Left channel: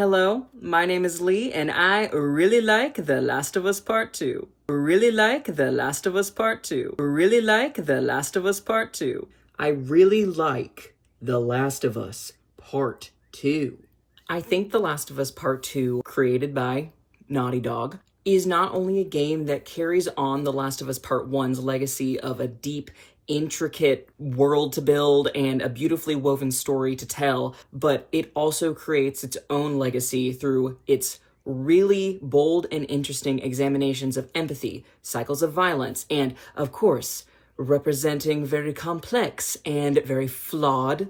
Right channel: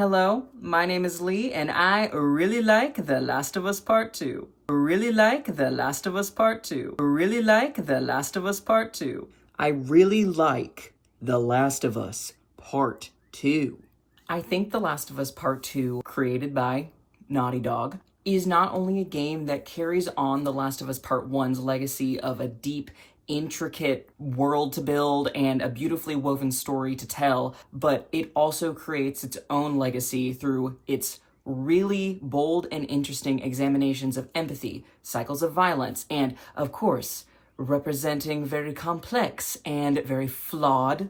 Hello, my name is Lee, and I really like The Last of Us Part 2. Really like The Last of Us Part 2. Really like The Last of Us Part 2. I really like The Last of Us Part 2. I think The Last of Us Part 2, created by Naughty Dog, is not only a game that carries on The Last of Us Part 1's legacy of a deep, intricate world to build and a beautifully woven story to tell, but it also creates its own legacy through its really bold and interesting examinations of empathy, cycles of violence, and, of course, representing very complex and very flawed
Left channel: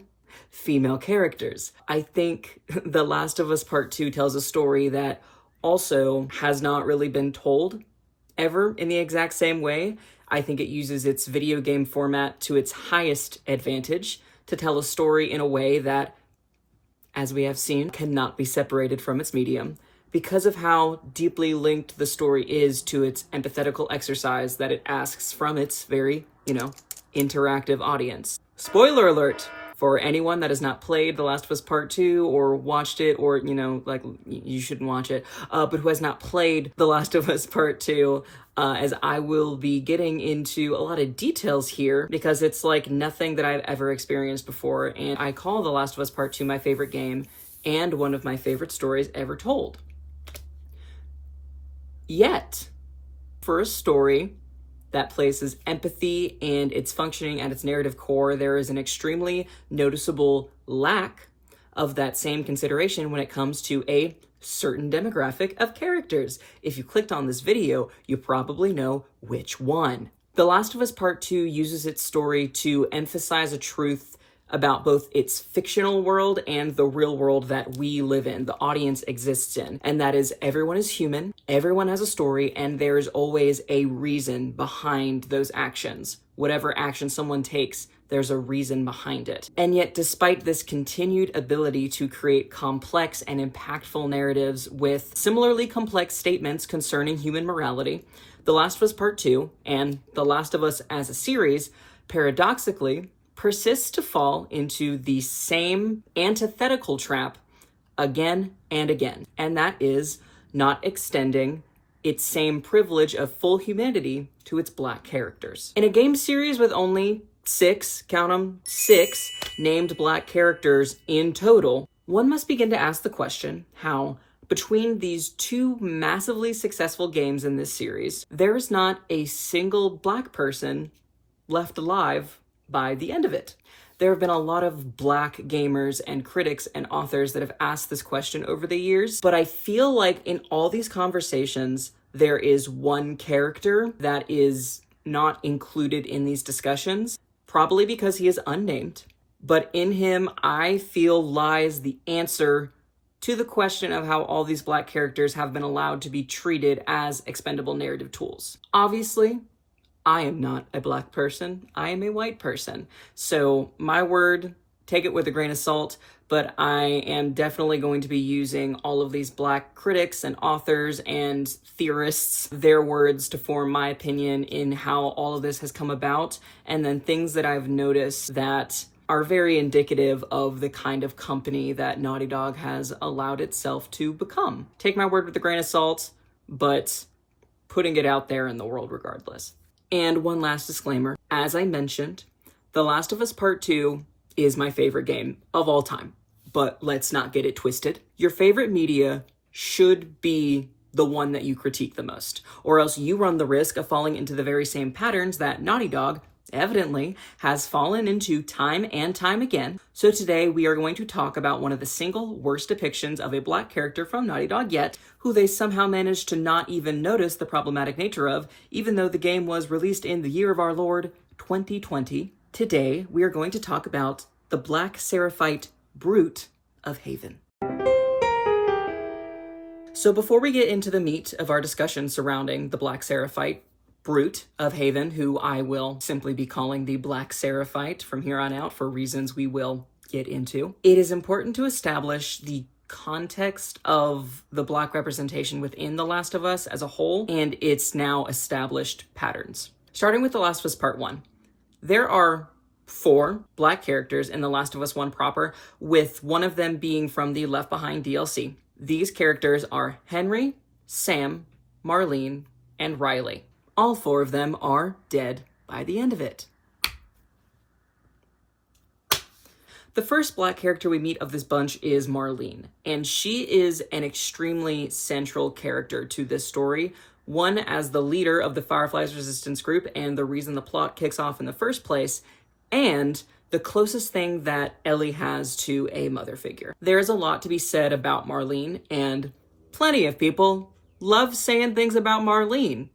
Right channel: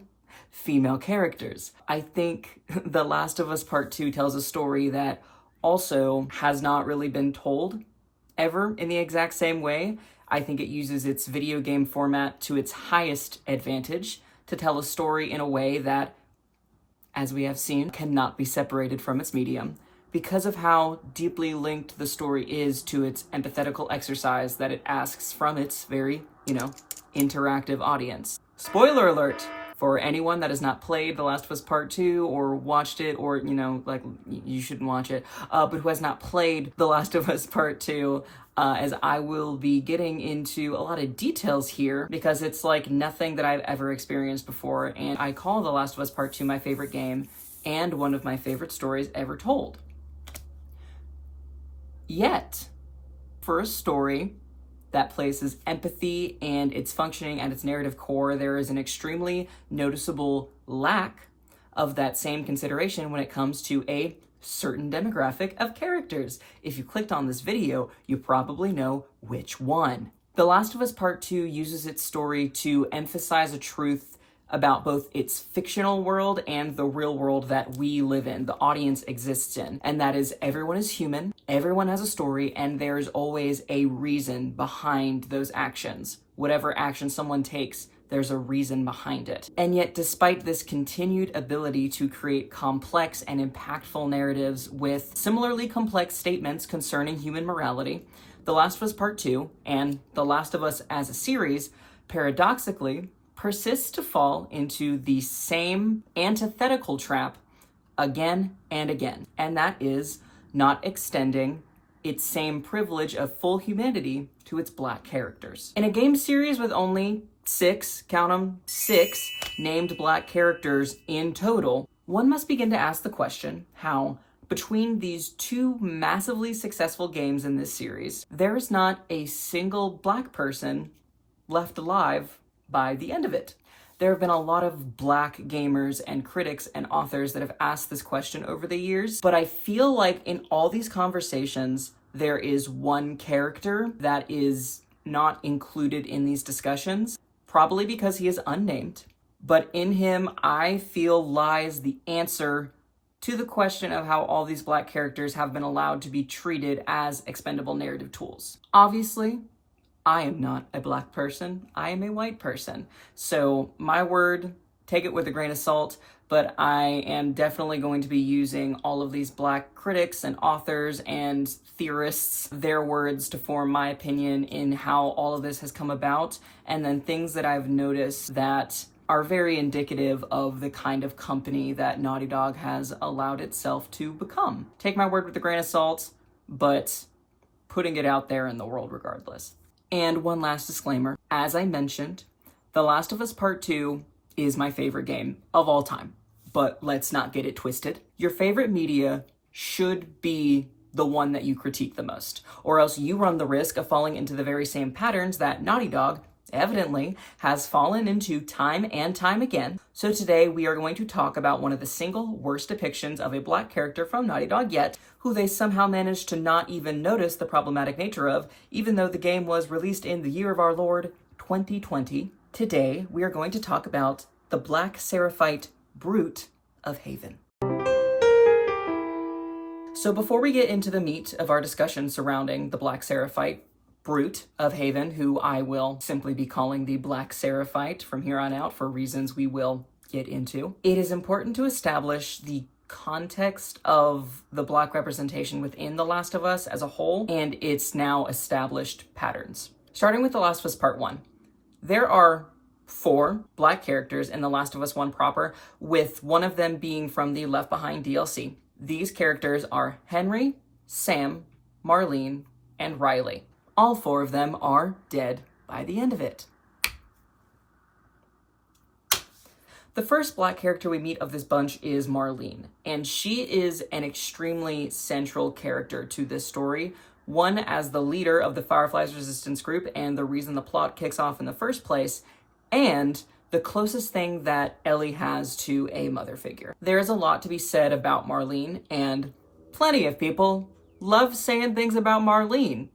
female characters. I think The Last of Us Part 2 tells a story that also has not really been told ever in the exact same way. I think it uses its video game format to its highest advantage to tell a story in a way that, as we have seen, cannot be separated from its medium because of how deeply linked the story is to its empathetical exercise that it asks from its very, interactive audience. Spoiler alert! For anyone that has not played The Last of Us Part 2 or watched it, or, you shouldn't watch it, but who has not played The Last of Us Part 2, as I will be getting into a lot of details here because it's like nothing that I've ever experienced before, and I call The Last of Us Part 2 my favorite game and one of my favorite stories ever told. Yet, for a story that places empathy and its functioning at its narrative core, there is an extremely noticeable lack of that same consideration when it comes to a certain demographic of characters. If you clicked on this video, you probably know which one. The Last of Us Part 2 uses its story to emphasize a truth about both its fictional world and the real world that we live in, the audience exists in. And that is, everyone is human, everyone has a story, and there's always a reason behind those actions. Whatever action someone takes, there's a reason behind it. And yet, despite this continued ability to create complex and impactful narratives with similarly complex statements concerning human morality, The Last of Us Part 2 and The Last of Us as a series, paradoxically, persists to fall into the same antithetical trap again and again, and that is not extending its same privilege of full humanity to its Black characters. In a game series with only 6, count them, 6 named Black characters in total, one must begin to ask the question how, between these two massively successful games in this series, there is not a single Black person left alive by the end of it. There have been a lot of Black gamers and critics and authors that have asked this question over the years, but I feel like in all these conversations, there is one character that is not included in these discussions, probably because he is unnamed. But in him, I feel lies the answer to the question of how all these Black characters have been allowed to be treated as expendable narrative tools. Obviously, I am not a Black person, I am a white person. So my word, take it with a grain of salt, but I am definitely going to be using all of these Black critics and authors and theorists, their words to form my opinion in how all of this has come about, and then things that I've noticed that are very indicative of the kind of company that Naughty Dog has allowed itself to become. Take my word with a grain of salt, but putting it out there in the world regardless. And one last disclaimer. As I mentioned, The Last of Us Part 2 is my favorite game of all time. But let's not get it twisted. Your favorite media should be the one that you critique the most, or else you run the risk of falling into the very same patterns that Naughty Dog evidently has fallen into time and time again. So today we are going to talk about one of the single worst depictions of a Black character from Naughty Dog yet, who they somehow managed to not even notice the problematic nature of, even though the game was released in the year of our Lord, 2020. Today we are going to talk about the Black Seraphite brute of Haven. So before we get into the meat of our discussion surrounding the Black Seraphite brute of Haven, who I will simply be calling the Black Seraphite from here on out for reasons we will get into, it is important to establish the context of the Black representation within The Last of Us as a whole and its now established patterns. Starting with The Last of Us Part 1, there are 4 Black characters in The Last of Us 1 proper, with one of them being from the Left Behind DLC. These characters are Henry, Sam, Marlene, and Riley. All 4 of them are dead by the end of it. The first Black character we meet of this bunch is Marlene, and she is an extremely central character to this story. One, as the leader of the Fireflies resistance group and the reason the plot kicks off in the first place, and the closest thing that Ellie has to a mother figure. There's a lot to be said about Marlene, and plenty of people love saying things about Marlene.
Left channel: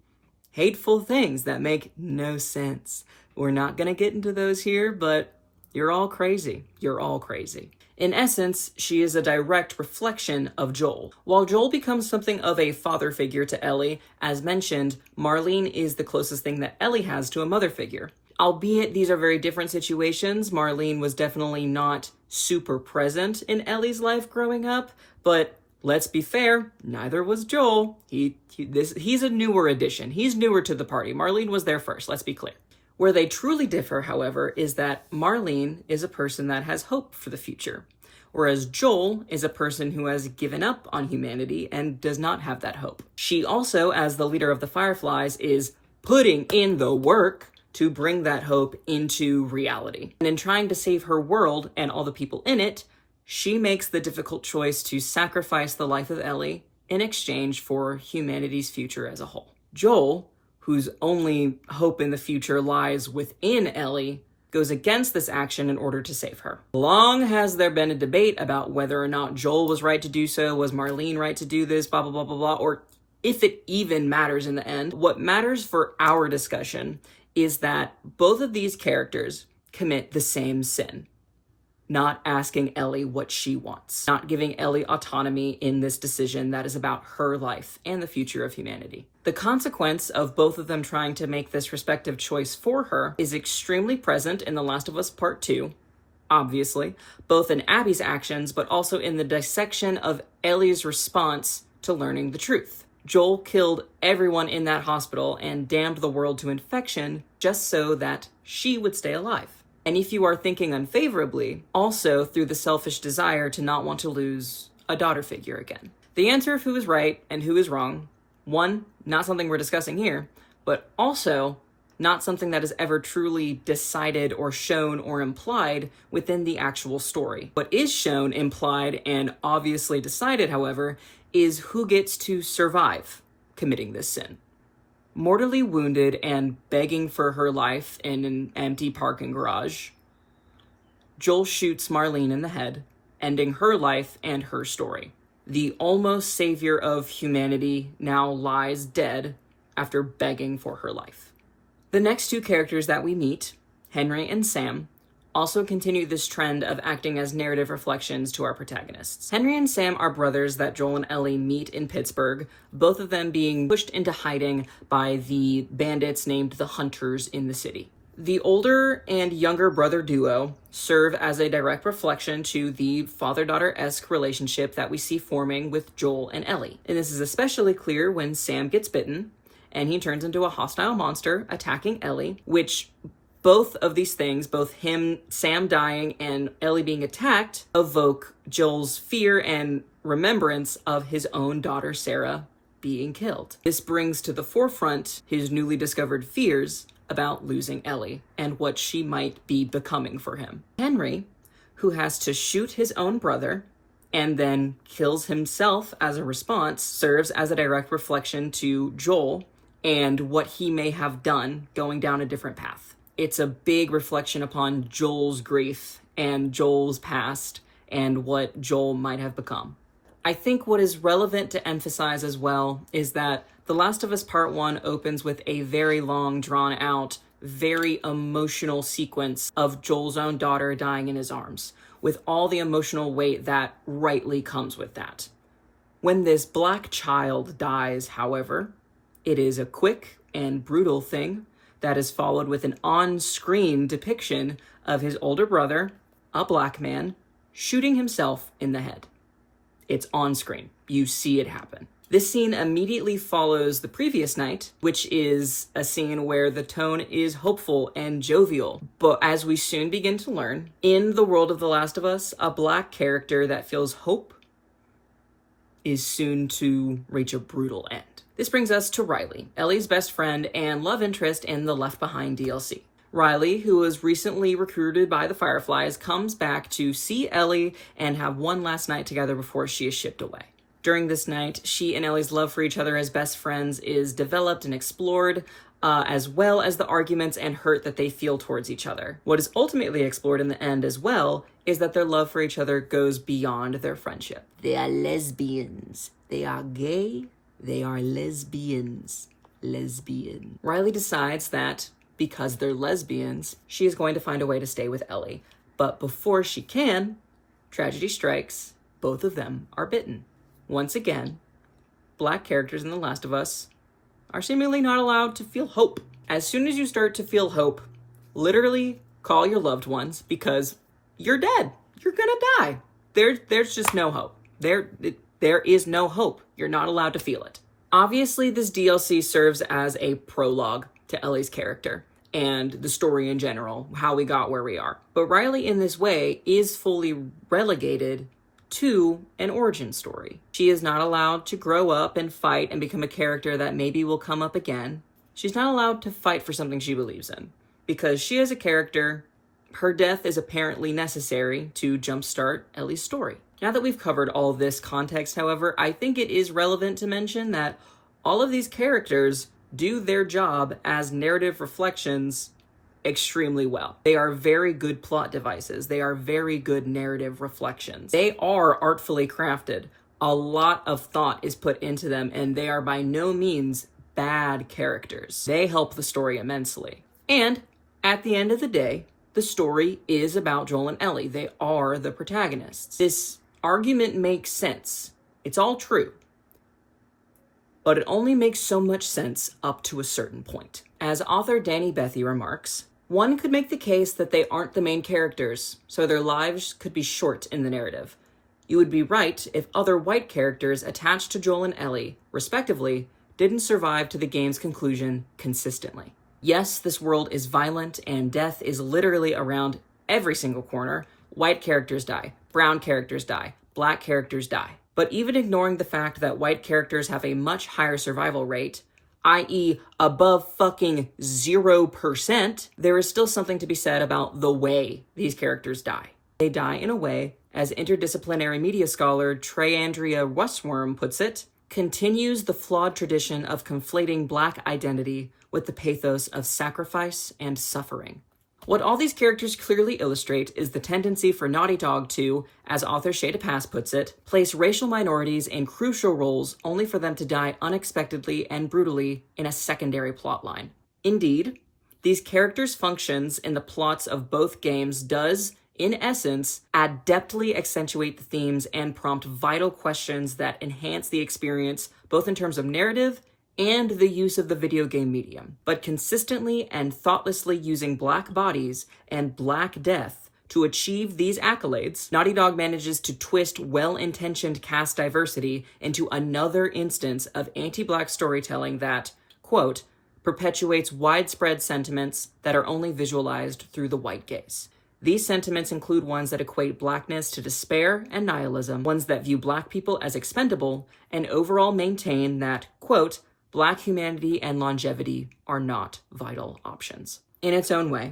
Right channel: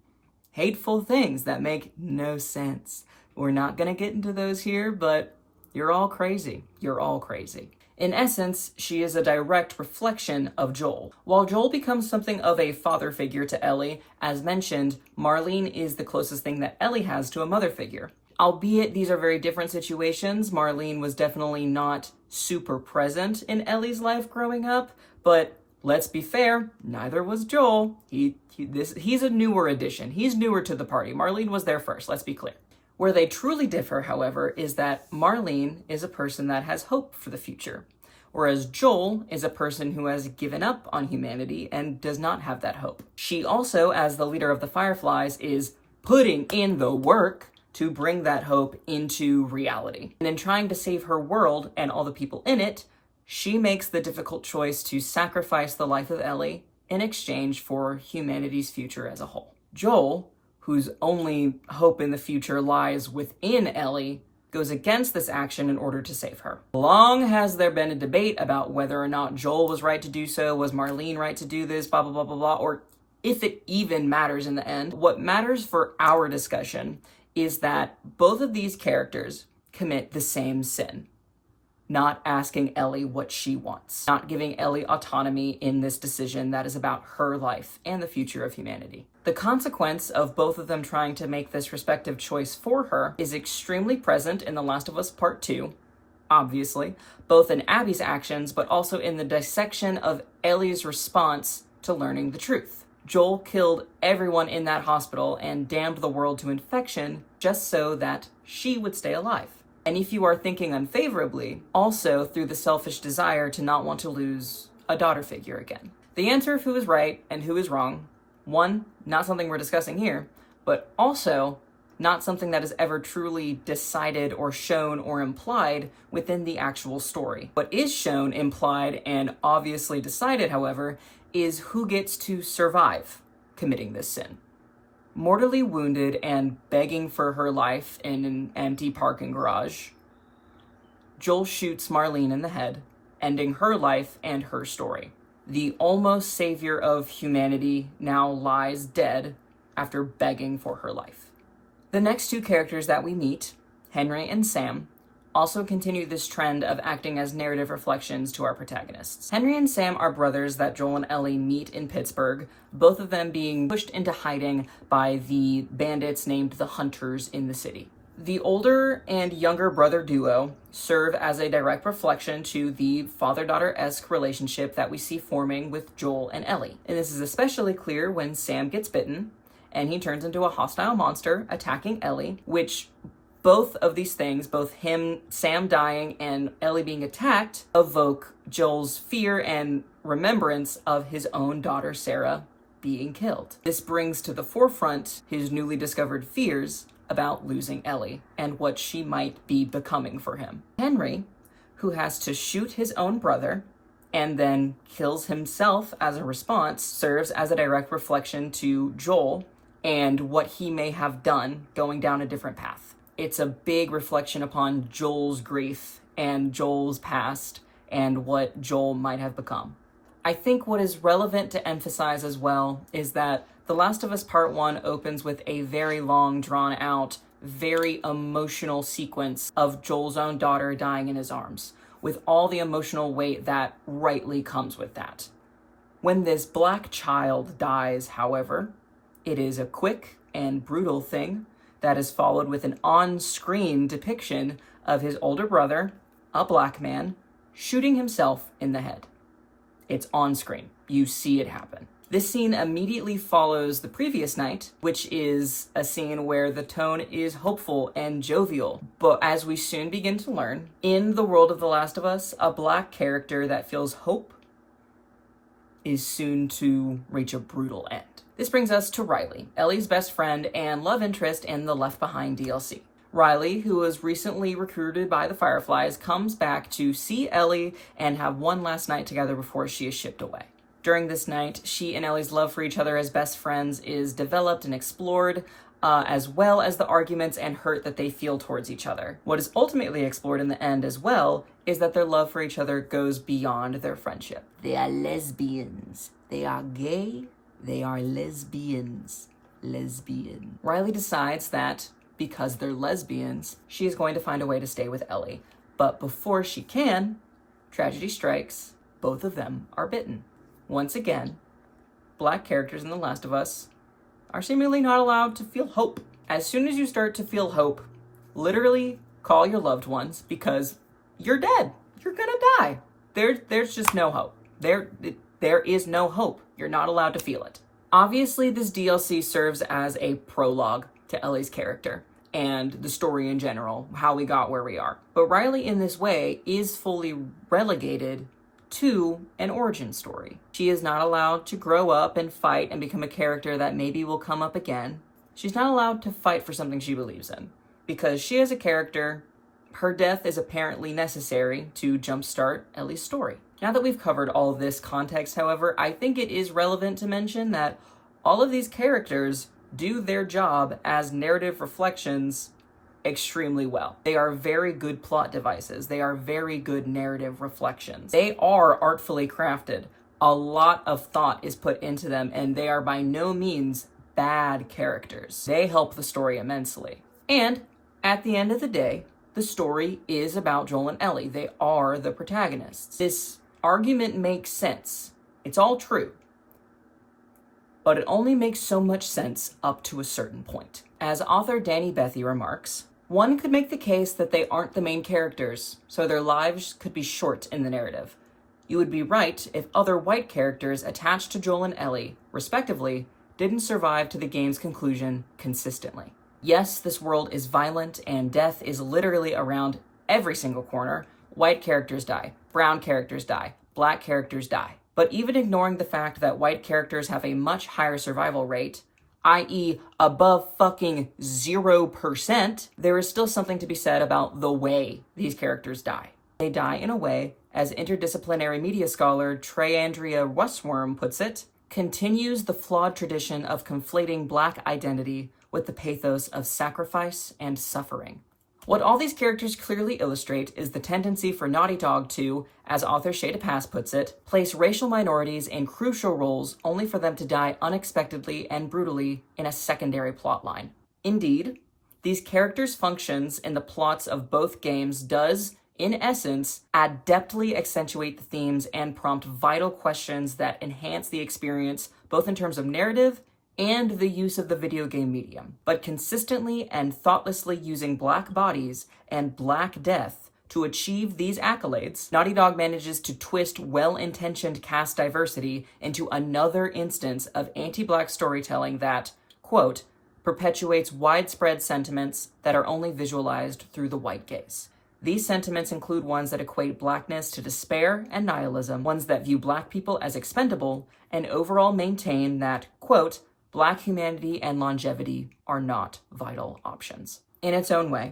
Hateful things that make no sense. We're not gonna get into those here, but you're all crazy. You're all crazy. In essence, she is a direct reflection of Joel. While Joel becomes something of a father figure to Ellie, as mentioned, Marlene is the closest thing that Ellie has to a mother figure. Albeit these are very different situations, Marlene was definitely not super present in Ellie's life growing up, but let's be fair, neither was Joel. He's a newer addition. He's newer to the party. Marlene was there first, let's be clear. Where they truly differ, however, is that Marlene is a person that has hope for the future, whereas Joel is a person who has given up on humanity and does not have that hope. She also, as the leader of the Fireflies, is putting in the work to bring that hope into reality. And in trying to save her world and all the people in it, she makes the difficult choice to sacrifice the life of Ellie in exchange for humanity's future as a whole. Joel, whose only hope in the future lies within Ellie, goes against this action in order to save her. Long has there been a debate about whether or not Joel was right to do so, was Marlene right to do this, blah, blah, blah, blah, blah, or if it even matters in the end. What matters for our discussion is that both of these characters commit the same sin. Not asking Ellie what she wants. Not giving Ellie autonomy in this decision that is about her life and the future of humanity. The consequence of both of them trying to make this respective choice for her is extremely present in The Last of Us Part 2, obviously, both in Abby's actions, but also in the dissection of Ellie's response to learning the truth. Joel killed everyone in that hospital and damned the world to infection just so that she would stay alive. And if you are thinking unfavorably, also through the selfish desire to not want to lose a daughter figure again. The answer of who is right and who is wrong, one, not something we're discussing here, but also not something that is ever truly decided or shown or implied within the actual story. What is shown, implied, and obviously decided, however, is who gets to survive committing this sin. Mortally wounded and begging for her life in an empty parking garage, Joel shoots Marlene in the head, ending her life and her story. The almost savior of humanity now lies dead after begging for her life. The next 2 characters that we meet, Henry and Sam, also continue this trend of acting as narrative reflections to our protagonists. Henry and Sam are brothers that Joel and Ellie meet in Pittsburgh, both of them being pushed into hiding by the bandits named the Hunters in the city. The older and younger brother duo serve as a direct reflection to the father-daughter-esque relationship that we see forming with Joel and Ellie. And this is especially clear when Sam gets bitten and he turns into a hostile monster attacking Ellie, which both of these things, both Sam dying and Ellie being attacked, evoke Joel's fear and remembrance of his own daughter Sarah being killed. This brings to the forefront his newly discovered fears about losing Ellie and what she might be becoming for him. Henry, who has to shoot his own brother and then kills himself as a response, serves as a direct reflection to Joel and what he may have done going down a different path. It's a big reflection upon Joel's grief and Joel's past and what Joel might have become. I think what is relevant to emphasize as well is that The Last of Us Part 1 opens with a very long, drawn-out, very emotional sequence of Joel's own daughter dying in his arms, with all the emotional weight that rightly comes with that. When this black child dies, however, it is a quick and brutal thing that is followed with an on-screen depiction of his older brother, a black man, shooting himself in the head. It's on screen. You see it happen. This scene immediately follows the previous night, which is a scene where the tone is hopeful and jovial. But as we soon begin to learn, in the world of The Last of Us, a black character that feels hope is soon to reach a brutal end. This brings us to Riley, Ellie's best friend and love interest in the Left Behind DLC. Riley, who was recently recruited by the Fireflies, comes back to see Ellie and have one last night together before she is shipped away. During this night, she and Ellie's love for each other as best friends is developed and explored, as well as the arguments and hurt that they feel towards each other. What is ultimately explored in the end as well is that their love for each other goes beyond their friendship. They are lesbians. They are gay. They are lesbians. Lesbian. Riley decides that because they're lesbians, she is going to find a way to stay with Ellie. But before she can, tragedy strikes. Both of them are bitten. Once again, Black characters in The Last of Us are seemingly not allowed to feel hope. As soon as you start to feel hope, literally call your loved ones because you're dead. You're gonna die. There's just no hope. There is no hope. You're not allowed to feel it. Obviously, this DLC serves as a prologue to Ellie's character and the story in general, how we got where we are. But Riley, in this way, is fully relegated to an origin story. She is not allowed to grow up and fight and become a character that maybe will come up again. She's not allowed to fight for something she believes in. Because she is a character, her death is apparently necessary to jumpstart Ellie's story. Now that we've covered all this context, however, I think it is relevant to mention that all of these characters do their job as narrative reflections extremely well. They are very good plot devices. They are very good narrative reflections. They are artfully crafted. A lot of thought is put into them, and they are by no means bad characters. They help the story immensely. And at the end of the day, the story is about Joel and Ellie. They are the protagonists. This argument makes sense. It's all true. But it only makes so much sense up to a certain point. As author Danny Bethy remarks, one could make the case that they aren't the main characters, so their lives could be short in the narrative. You would be right if other white characters attached to Joel and Ellie, respectively, didn't survive to the game's conclusion consistently. Yes, this world is violent and death is literally around every single corner. White characters die, brown characters die, Black characters die. But even ignoring the fact that white characters have a much higher survival rate, i.e. above fucking 0%, there is still something to be said about the way these characters die. They die in a way, as interdisciplinary media scholar Trey-Andrea Westworm puts it, continues the flawed tradition of conflating Black identity with the pathos of sacrifice and suffering. What all these characters clearly illustrate is the tendency for Naughty Dog to, as author Shada Pass puts it, place racial minorities in crucial roles only for them to die unexpectedly and brutally in a secondary plotline. Indeed, these characters' functions in the plots of both games does, in essence, adeptly accentuate the themes and prompt vital questions that enhance the experience both in terms of narrative and the use of the video game medium. But consistently and thoughtlessly using Black bodies and Black death to achieve these accolades, Naughty Dog manages to twist well-intentioned cast diversity into another instance of anti-Black storytelling that, quote, perpetuates widespread sentiments that are only visualized through the white gaze. These sentiments include ones that equate Blackness to despair and nihilism, ones that view Black people as expendable, and overall maintain that, quote, Black humanity and longevity are not vital options. In its own way,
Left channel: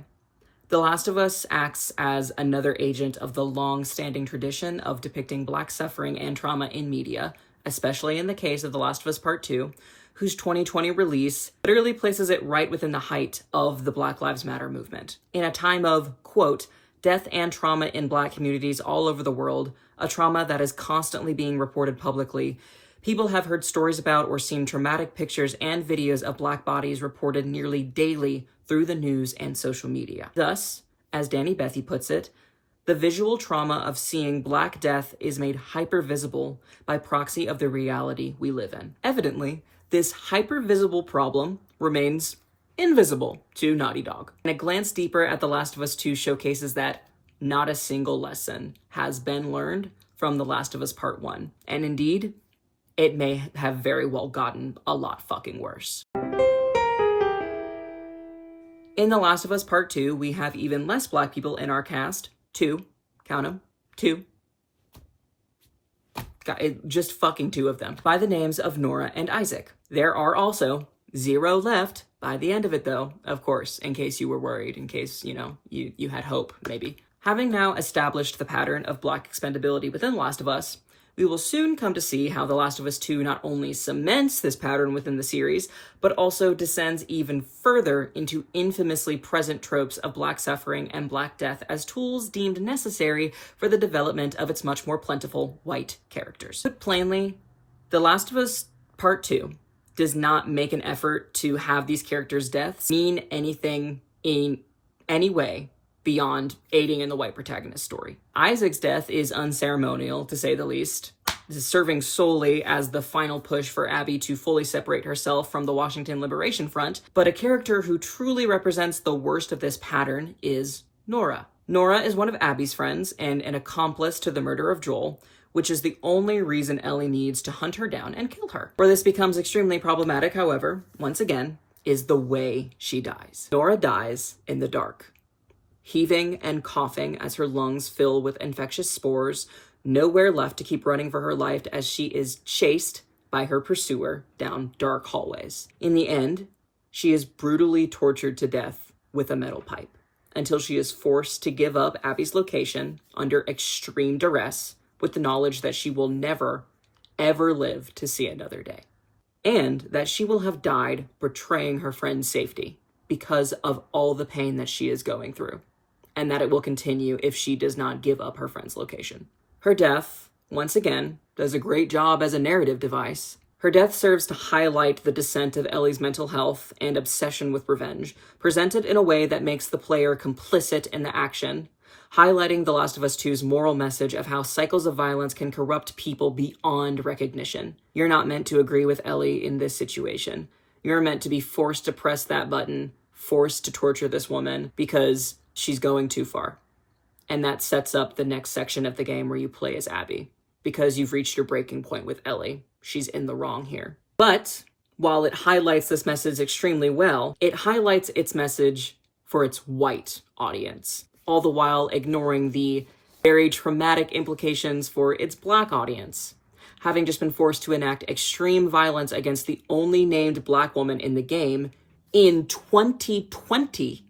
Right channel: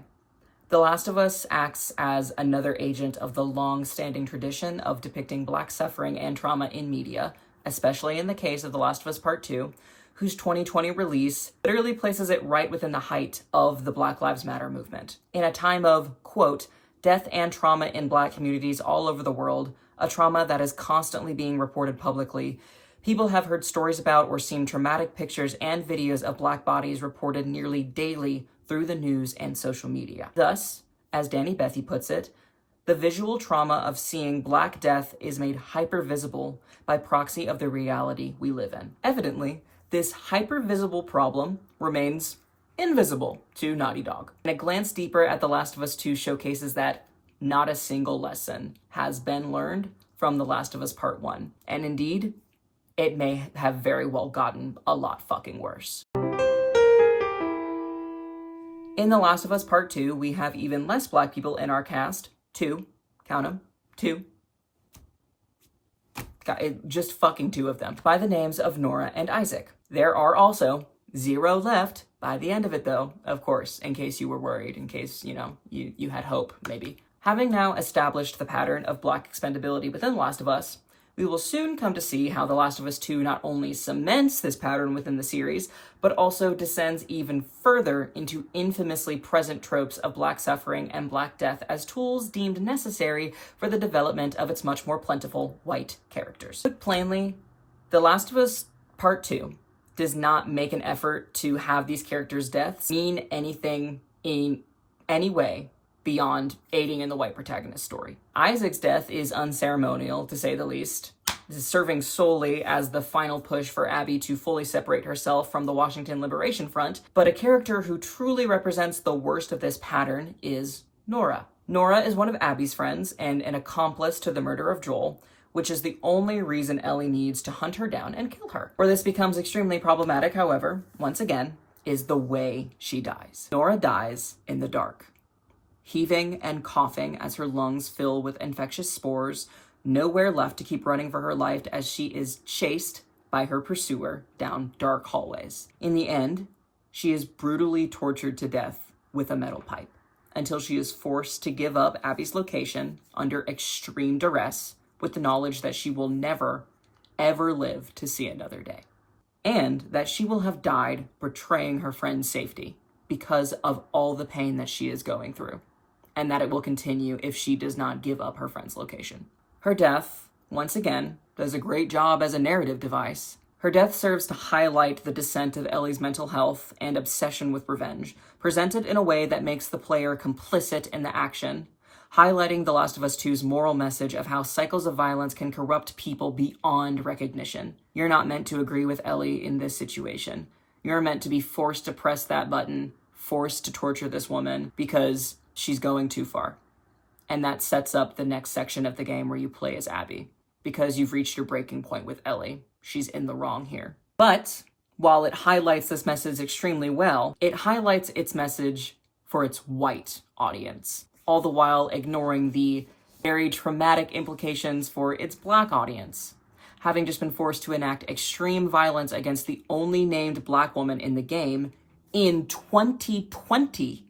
The Last of Us acts as another agent of the long-standing tradition of depicting Black suffering and trauma in media, especially in the case of The Last of Us Part 2, whose 2020 release literally places it right within the height of the Black Lives Matter movement. In a time of, quote, death and trauma in Black communities all over the world, a trauma that is constantly being reported publicly, people have heard stories about or seen traumatic pictures and videos of Black bodies reported nearly daily through the news and social media. Thus, as Danny Bethy puts it, the visual trauma of seeing Black death is made hyper-visible by proxy of the reality we live in. Evidently, this hyper-visible problem remains invisible to Naughty Dog. And a glance deeper at The Last of Us 2 showcases that not a single lesson has been learned from The Last of Us Part 1. And indeed, it may have very well gotten a lot fucking worse. In The Last of Us Part 2, we have even less Black people in our cast. 2. Count them. 2. just fucking two of them, by the names of Nora and Isaac. There are also 0 left by the end of it, though, of course, in case you were worried, in case, you had hope, maybe. Having now established the pattern of Black expendability within The Last of Us, we will soon come to see how The Last of Us 2 not only cements this pattern within the series, but also descends even further into infamously present tropes of Black suffering and Black death as tools deemed necessary for the development of its much more plentiful white characters. Put plainly, The Last of Us Part 2 does not make an effort to have these characters' deaths mean anything in any way beyond aiding in the white protagonist story. Isaac's death is unceremonial, to say the least, serving solely as the final push for Abby to fully separate herself from the Washington Liberation Front, but a character who truly represents the worst of this pattern is Nora. Nora is one of Abby's friends and an accomplice to the murder of Joel, which is the only reason Ellie needs to hunt her down and kill her. Where this becomes extremely problematic, however, once again, is the way she dies. Nora dies in the dark, heaving and coughing as her lungs fill with infectious spores, nowhere left to keep running for her life as she is chased by her pursuer down dark hallways. In the end, she is brutally tortured to death with a metal pipe until she is forced to give up Abby's location under extreme duress with the knowledge that she will never, ever live to see another day, and that she will have died betraying her friend's safety because of all the pain that she is going through, and that it will continue if she does not give up her friend's location. Her death, once again, does a great job as a narrative device. Her death serves to highlight the descent of Ellie's mental health and obsession with revenge, presented in a way that makes the player complicit in the action, highlighting The Last of Us 2's moral message of how cycles of violence can corrupt people beyond recognition. You're not meant to agree with Ellie in this situation. You're meant to be forced to press that button, forced to torture this woman because she's going too far. And that sets up the next section of the game where you play as Abby, because you've reached your breaking point with Ellie. She's in the wrong here. But while it highlights this message extremely well, it highlights its message for its white audience, all the while ignoring the very traumatic implications for its Black audience, having just been forced to enact extreme violence against the only named Black woman in the game in 2020,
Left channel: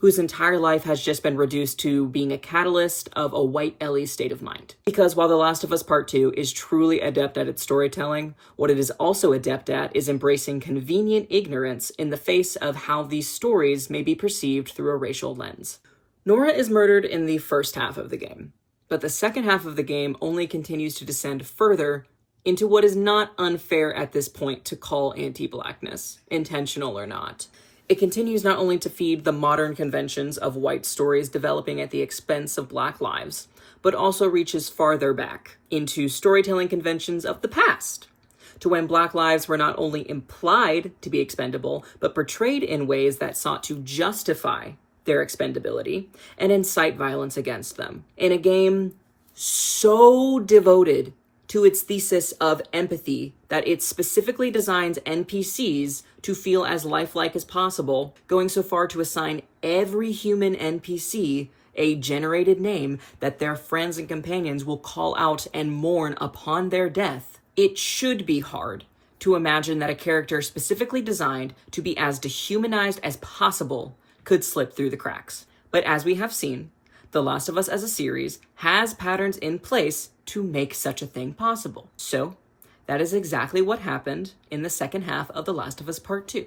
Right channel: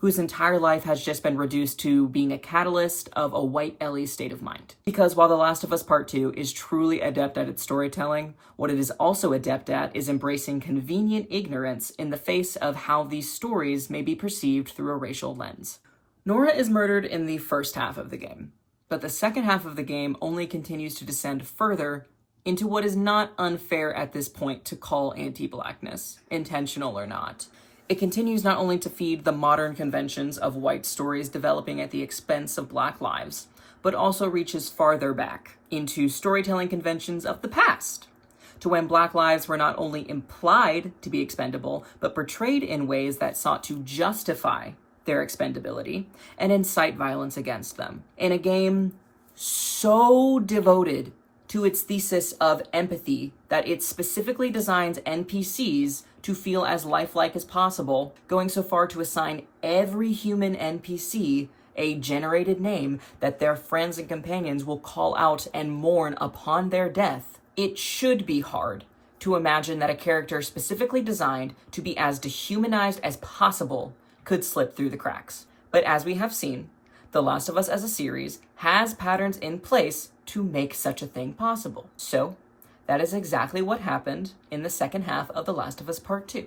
whose entire life has just been reduced to being a catalyst of a white Ellie's state of mind. Because while The Last of Us Part 2 is truly adept at its storytelling, what it is also adept at is embracing convenient ignorance in the face of how these stories may be perceived through a racial lens. Nora is murdered in the first half of the game, but the second half of the game only continues to descend further into what is not unfair at this point to call anti-Blackness, intentional or not. It continues not only to feed the modern conventions of white stories developing at the expense of Black lives, but also reaches farther back into storytelling conventions of the past, to when Black lives were not only implied to be expendable, but portrayed in ways that sought to justify their expendability and incite violence against them. In a game so devoted to its thesis of empathy that it specifically designs NPCs to feel as lifelike as possible, going so far to assign every human NPC a generated name that their friends and companions will call out and mourn upon their death. It should be hard to imagine that a character specifically designed to be as dehumanized as possible could slip through the cracks. But as we have seen, The Last of Us as a series has patterns in place to make such a thing possible. So, that is exactly what happened in the second half of The Last of Us Part 2,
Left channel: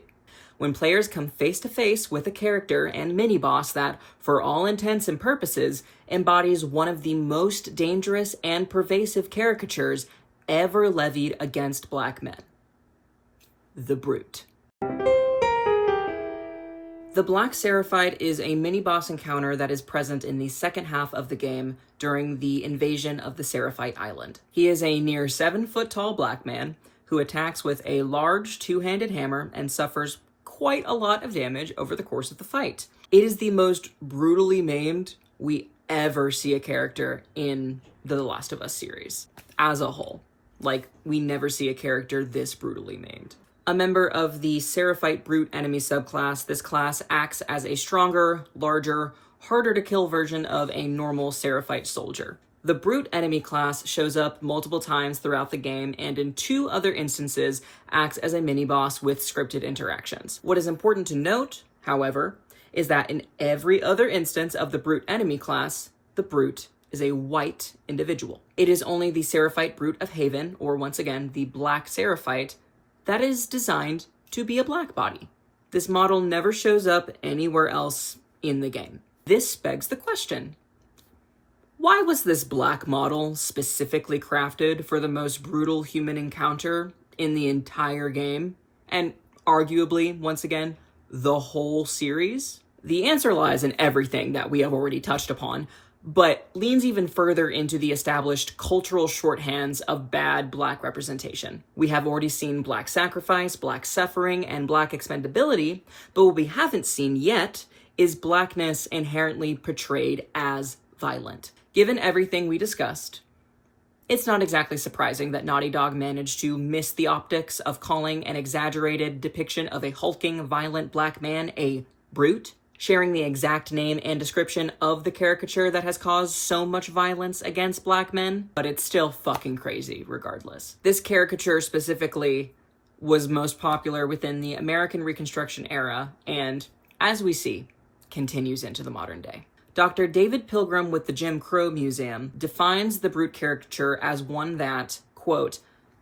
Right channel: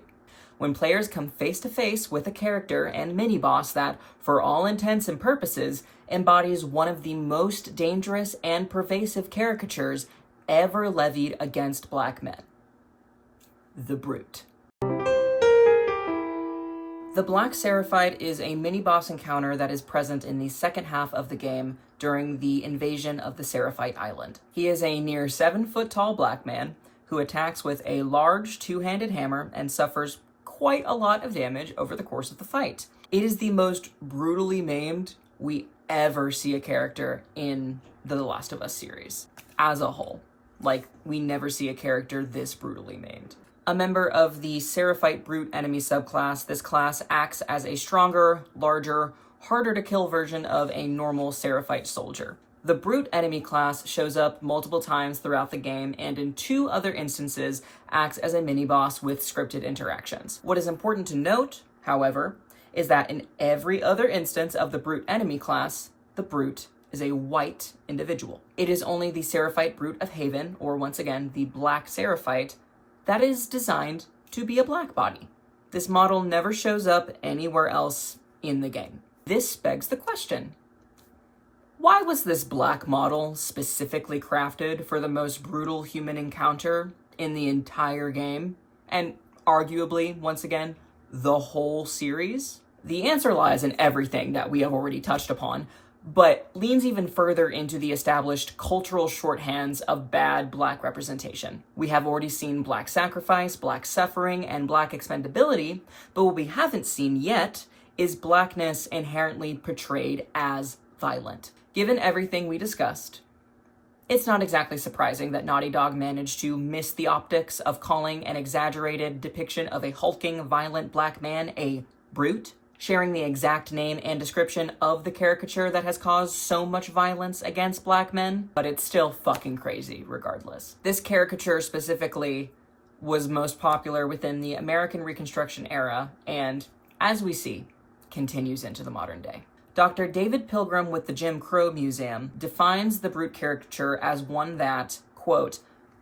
when players come face to face with a character and mini-boss that, for all intents and purposes, embodies one of the most dangerous and pervasive caricatures ever levied against Black men: the Brute. The Black Seraphite is a mini-boss encounter that is present in the second half of the game during the invasion of the Seraphite Island. He is a near 7-foot-tall Black man who attacks with a large two-handed hammer and suffers quite a lot of damage over the course of the fight. It is the most brutally maimed we ever see a character in the Last of Us series as a whole. Like, we never see a character this brutally maimed. A member of the Seraphite Brute enemy subclass, this class acts as a stronger, larger, harder to kill version of a normal Seraphite soldier. The brute enemy class shows up multiple times throughout the game, and in 2 other instances acts as a mini-boss with scripted interactions. What is important to note, however, is that in every other instance of the brute enemy class, the brute is a white individual. It is only the Seraphite Brute of Haven, or once again, the Black Seraphite, that is designed to be a black body. This model never shows up anywhere else in the game. This begs the question, why was this black model specifically crafted for the most brutal human encounter in the entire game, and arguably, once again, the whole series? The answer lies in everything that we have already touched upon, but leans even further into the established cultural shorthands of bad black representation. We have already seen black sacrifice, black suffering, and black expendability, but what we haven't seen yet is blackness inherently portrayed as violent. Given everything we discussed, it's not exactly surprising that Naughty Dog managed to miss the optics of calling an exaggerated depiction of a hulking, violent black man a brute, sharing the exact name and description of the caricature that has caused so much violence against black men, but it's still fucking crazy regardless. This caricature specifically was most popular within the American Reconstruction era, and, as we see, continues into the modern day. Dr. David Pilgrim with the Jim Crow Museum defines the brute caricature as one that, quote,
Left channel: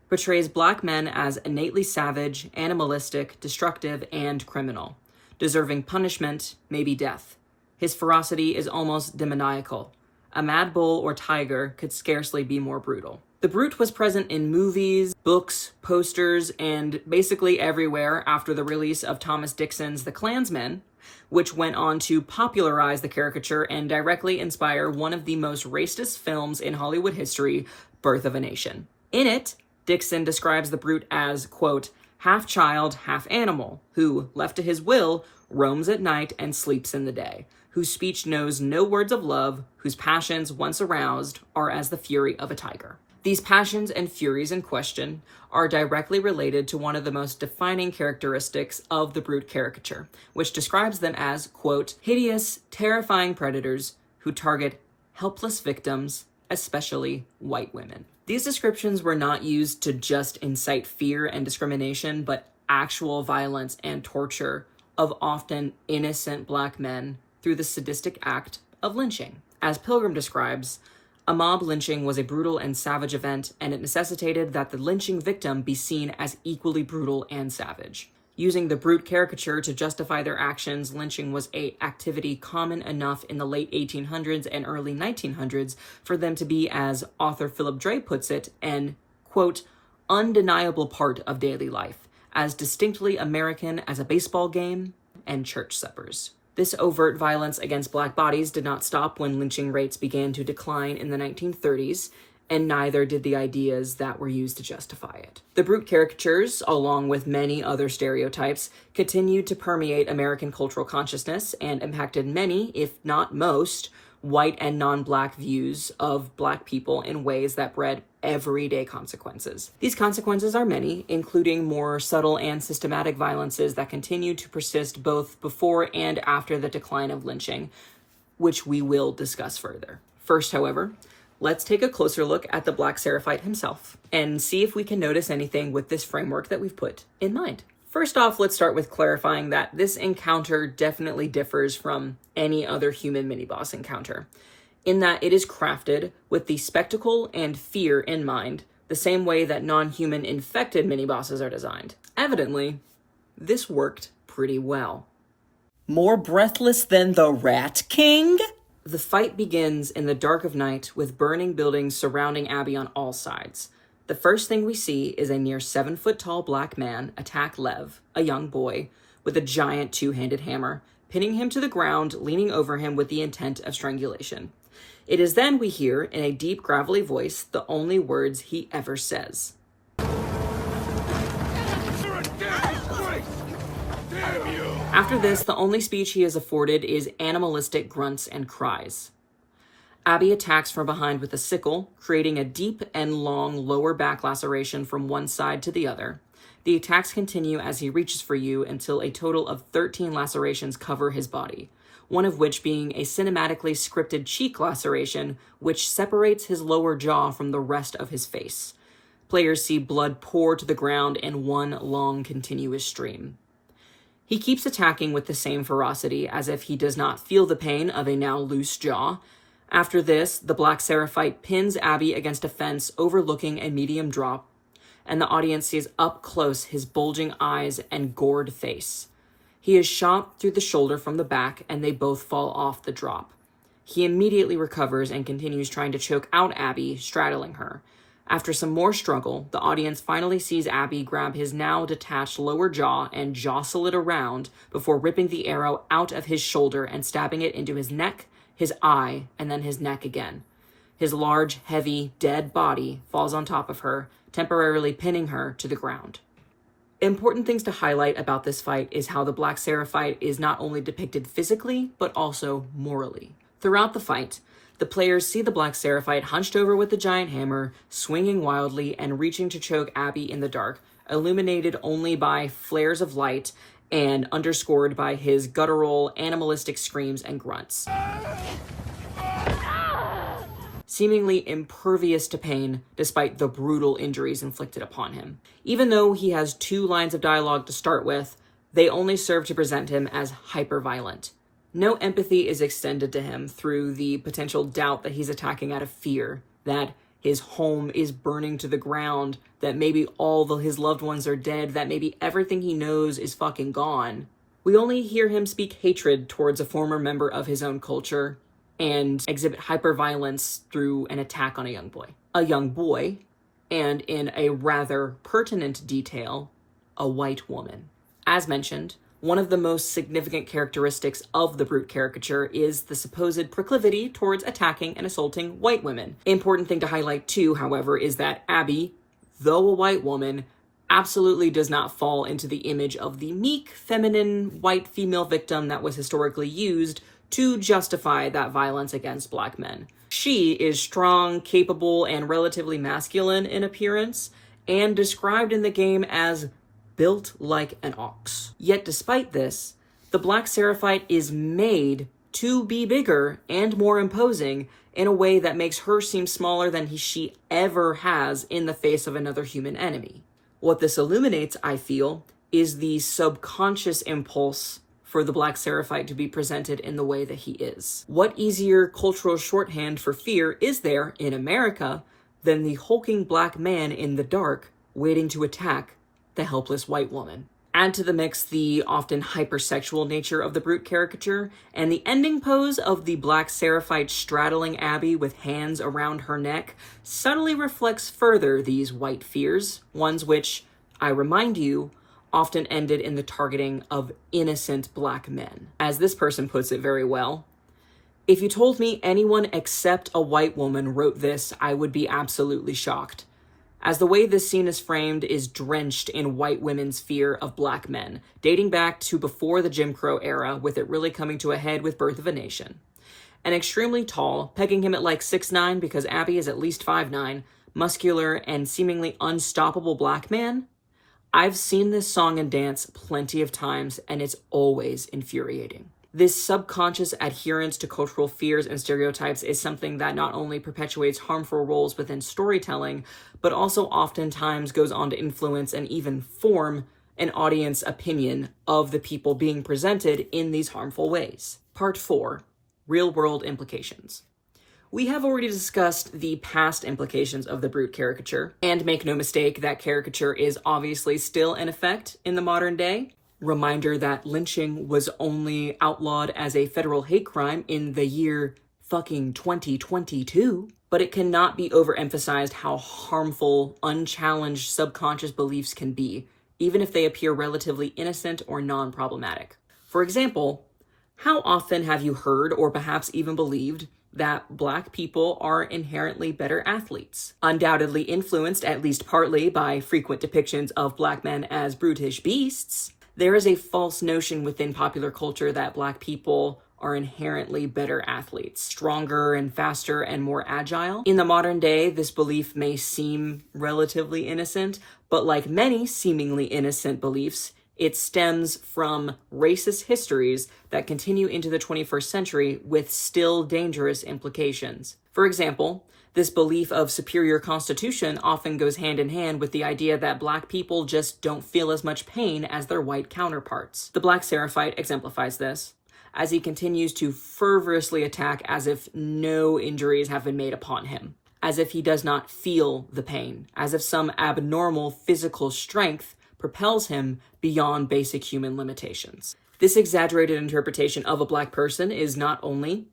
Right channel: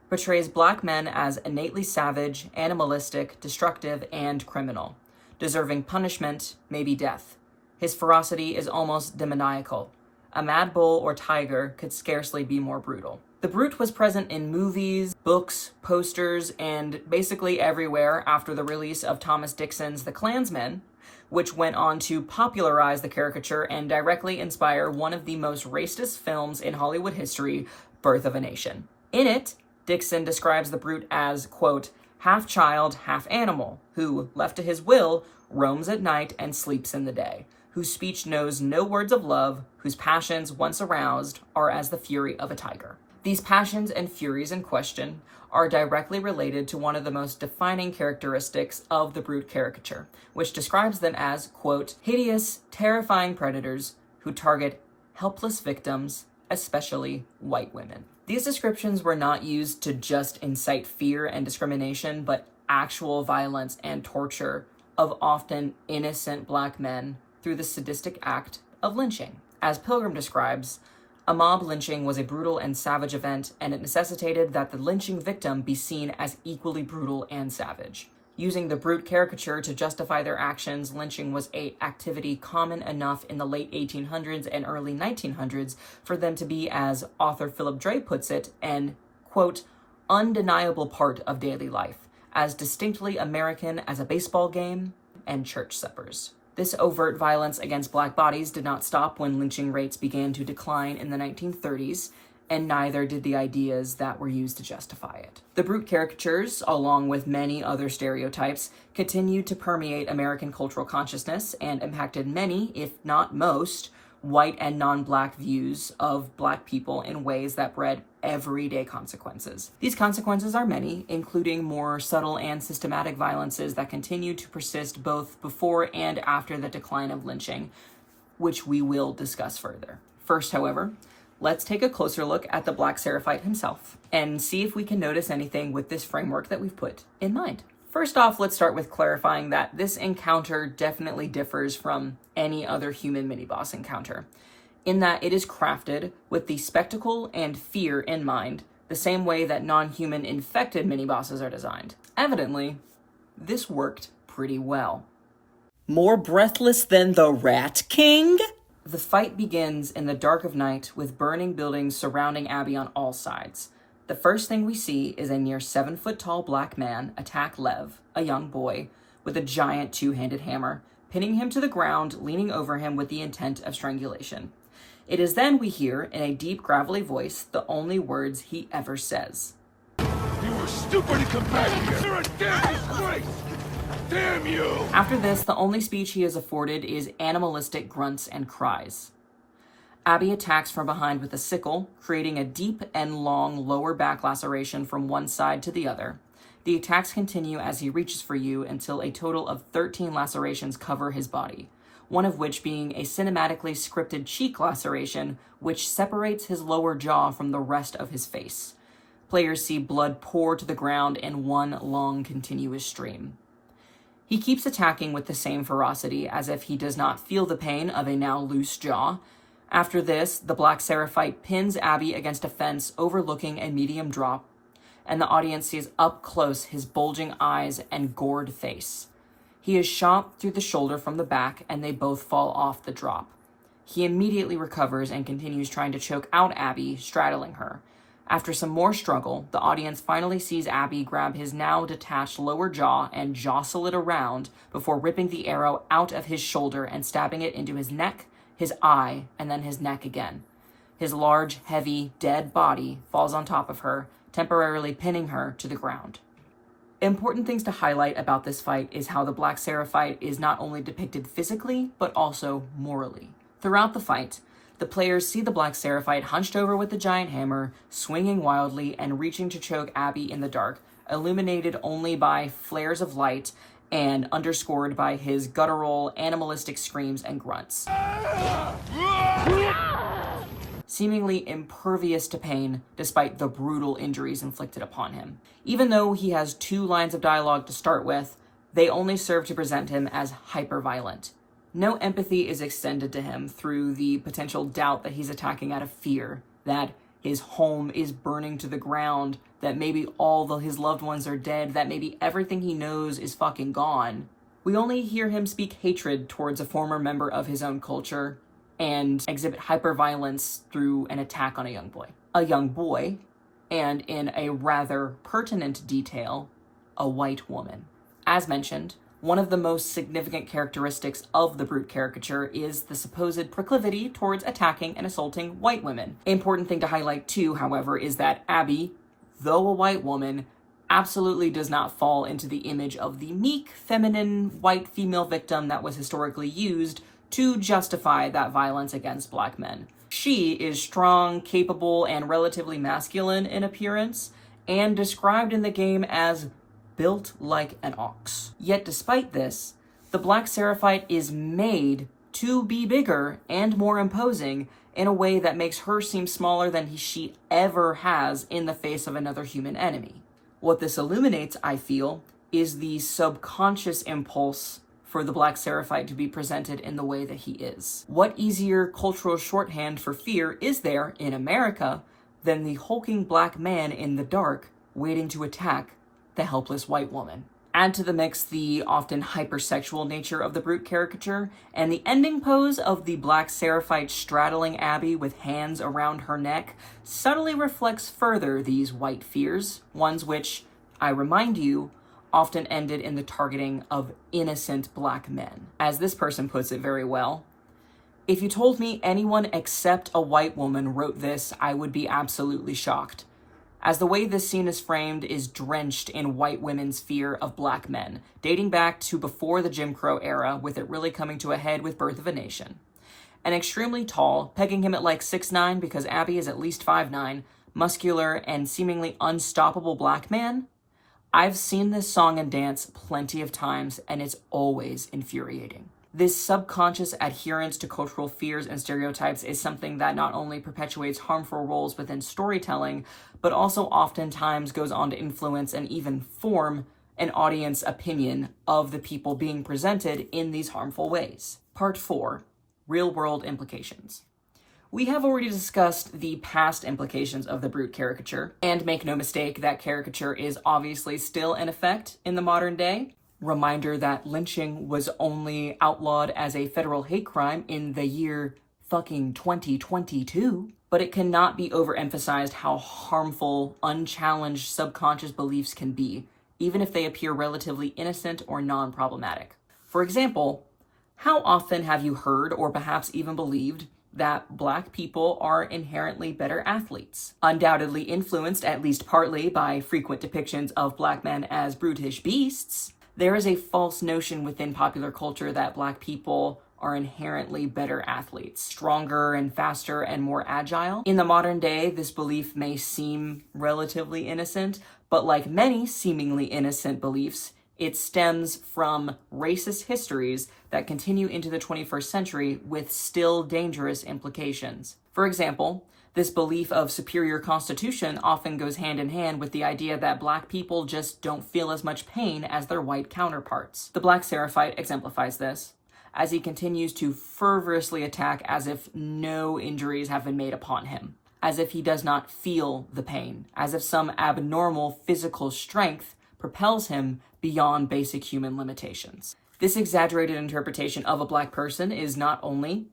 portrays black men as innately savage, animalistic, destructive, and criminal, deserving punishment, maybe death. His ferocity is almost demoniacal. A mad bull or tiger could scarcely be more brutal. The brute was present in movies, books, posters, and basically everywhere after the release of Thomas Dixon's The Clansman, which went on to popularize the caricature and directly inspire one of the most racist films in Hollywood history, Birth of a Nation. In it, Dixon describes the brute as, quote, half child, half animal, who, left to his will, roams at night and sleeps in the day, whose speech knows no words of love, whose passions, once aroused, are as the fury of a tiger. These passions and furies in question are directly related to one of the most defining characteristics of the brute caricature, which describes them as, quote, hideous, terrifying predators who target helpless victims, especially white women. These descriptions were not used to just incite fear and discrimination, but actual violence and torture of often innocent black men through the sadistic act of lynching. As Pilgrim describes, a mob lynching was a brutal and savage event, and it necessitated that the lynching victim be seen as equally brutal and savage. Using the brute caricature to justify their actions, lynching was an activity common enough in the late 1800s and early 1900s for them to be, as author Phillip Dray puts it, an, quote, undeniable part of daily life, as distinctly American as a baseball game and church suppers. This overt violence against black bodies did not stop when lynching rates began to decline in the 1930s, and neither did the ideas that were used to justify it. The brute caricatures, along with many other stereotypes, continued to permeate American cultural consciousness and impacted many, if not most, white and non-black views of black people in ways that bred everyday consequences. These consequences are many, including more subtle and systematic violences that continue to persist both before and after the decline of lynching, which we will discuss further. First, however, let's take a closer look at the Black Seraphite himself and see if we can notice anything with this framework that we've put in mind. First off, let's start with clarifying that this encounter definitely differs from any other human mini-boss encounter, in that it is crafted with the spectacle and fear in mind, the same way that non-human infected mini-bosses are designed. Evidently, this worked pretty well. More breathless than the Rat King? The fight begins in the dark of night with burning buildings surrounding Abby on all sides. The first thing we see is a near 7-foot-tall black man attack Lev, a young boy, with a giant 2-handed hammer, pinning him to the ground, leaning over him with the intent of strangulation. It is then we hear, in a deep, gravelly voice, the only words he ever says. Stupid companions are a damn disgrace! Damn you! After this, the only speech he is afforded is animalistic grunts and cries. Abby attacks from behind with a sickle, creating a deep and long lower back laceration from one side to the other. The attacks continue as he reaches for you until a total of 13 lacerations cover his body. one of which being a cinematically scripted cheek laceration, which separates his lower jaw from the rest of his face. Players see blood pour to the ground in one long, continuous stream. He keeps attacking with the same ferocity, as if he does not feel the pain of a now loose jaw. After this, the Black Seraphite pins Abby against a fence overlooking a medium drop, and the audience sees up close his bulging eyes and gored face. He is shot through the shoulder from the back, and they both fall off the drop. He immediately recovers and continues trying to choke out Abby, straddling her. After some more struggle, the audience finally sees Abby grab his now detached lower jaw and jostle it around before ripping the arrow out of his shoulder and stabbing it into his neck, his eye, and then his neck again. His large, heavy, dead body falls on top of her, temporarily pinning her to the ground. Important things to highlight about this fight is how the Black Seraphite is not only depicted physically, but also morally. Throughout the fight, the players see the Black Seraphite hunched over with the giant hammer, swinging wildly and reaching to choke Abby in the dark, illuminated only by flares of light and underscored by his guttural, animalistic screams and grunts. Seemingly impervious to pain despite the brutal injuries inflicted upon him. Even though he has 2 lines of dialogue to start with, they only serve to present him as hyper-violent. No empathy is extended to him through the potential doubt that he's attacking out of fear, that his home is burning to the ground, that maybe all his loved ones are dead, that maybe everything he knows is fucking gone. We only hear him speak hatred towards a former member of his own culture and exhibit hyper-violence through an attack on a young boy. A young boy, and in a rather pertinent detail, a white woman. As mentioned, one of the most significant characteristics of the brute caricature is the supposed proclivity towards attacking and assaulting white women. Important thing to highlight too, however, is that Abby, though a white woman, absolutely does not fall into the image of the meek, feminine, white female victim that was historically used to justify that violence against black men. She is strong, capable, and relatively masculine in appearance, and described in the game as built like an ox. Yet despite this, the Black Seraphite is made to be bigger and more imposing in a way that makes her seem smaller than she ever has in the face of another human enemy. What this illuminates, I feel, is the subconscious impulse for the Black Seraphite to be presented in the way that he is. What easier cultural shorthand for fear is there in America than the hulking black man in the dark waiting to attack the helpless white woman? Add to the mix the often hypersexual nature of the brute caricature, and the ending pose of the Black Seraphite straddling Abby with hands around her neck subtly reflects further these white fears, ones which, I remind you, often ended in the targeting of innocent black men. As this person puts it very well, if you told me anyone except a white woman wrote this, I would be absolutely shocked, as the way this scene is framed is drenched in white women's fear of black men, dating back to before the Jim Crow era, with it really coming to a head with Birth of a Nation. An extremely tall, pegging him at like 6'9" because Abby is at least 5'9", muscular and seemingly unstoppable black man. I've seen this song and dance plenty of times, and it's always infuriating. This subconscious adherence to cultural fears and stereotypes is something that not only perpetuates harmful roles within storytelling, but also oftentimes goes on to influence and even form an audience opinion of the people being presented in these harmful ways. Part 4, Real-World Implications. We have already discussed the past implications of the brute caricature, and make no mistake, that caricature is obviously still in effect in the modern day. Reminder that lynching was only outlawed as a federal hate crime in the year fucking 2022, but it cannot be overemphasized how harmful, unchallenged subconscious beliefs can be, even if they appear relatively innocent or non-problematic. For example, how often have you heard or perhaps even believed that black people are inherently better athletes? Undoubtedly influenced, at least partly, by frequent depictions of black men as brutish beasts, there is a false notion within popular culture that black people are inherently better athletes, stronger and faster and more agile. In the modern day, this belief may seem relatively innocent, but like many seemingly innocent beliefs, It stems from racist histories that continue into the 21st century with still dangerous implications. For example, this belief of superior constitution often goes hand in hand with the idea that Black people just don't feel as much pain as their white counterparts. The Black Seraphite exemplifies this, as he continues to fervorously attack as if no injuries have been made upon him, as if he does not feel the pain, as if some abnormal physical strength propels him beyond basic human limitations. This exaggerated interpretation of a Black person is not only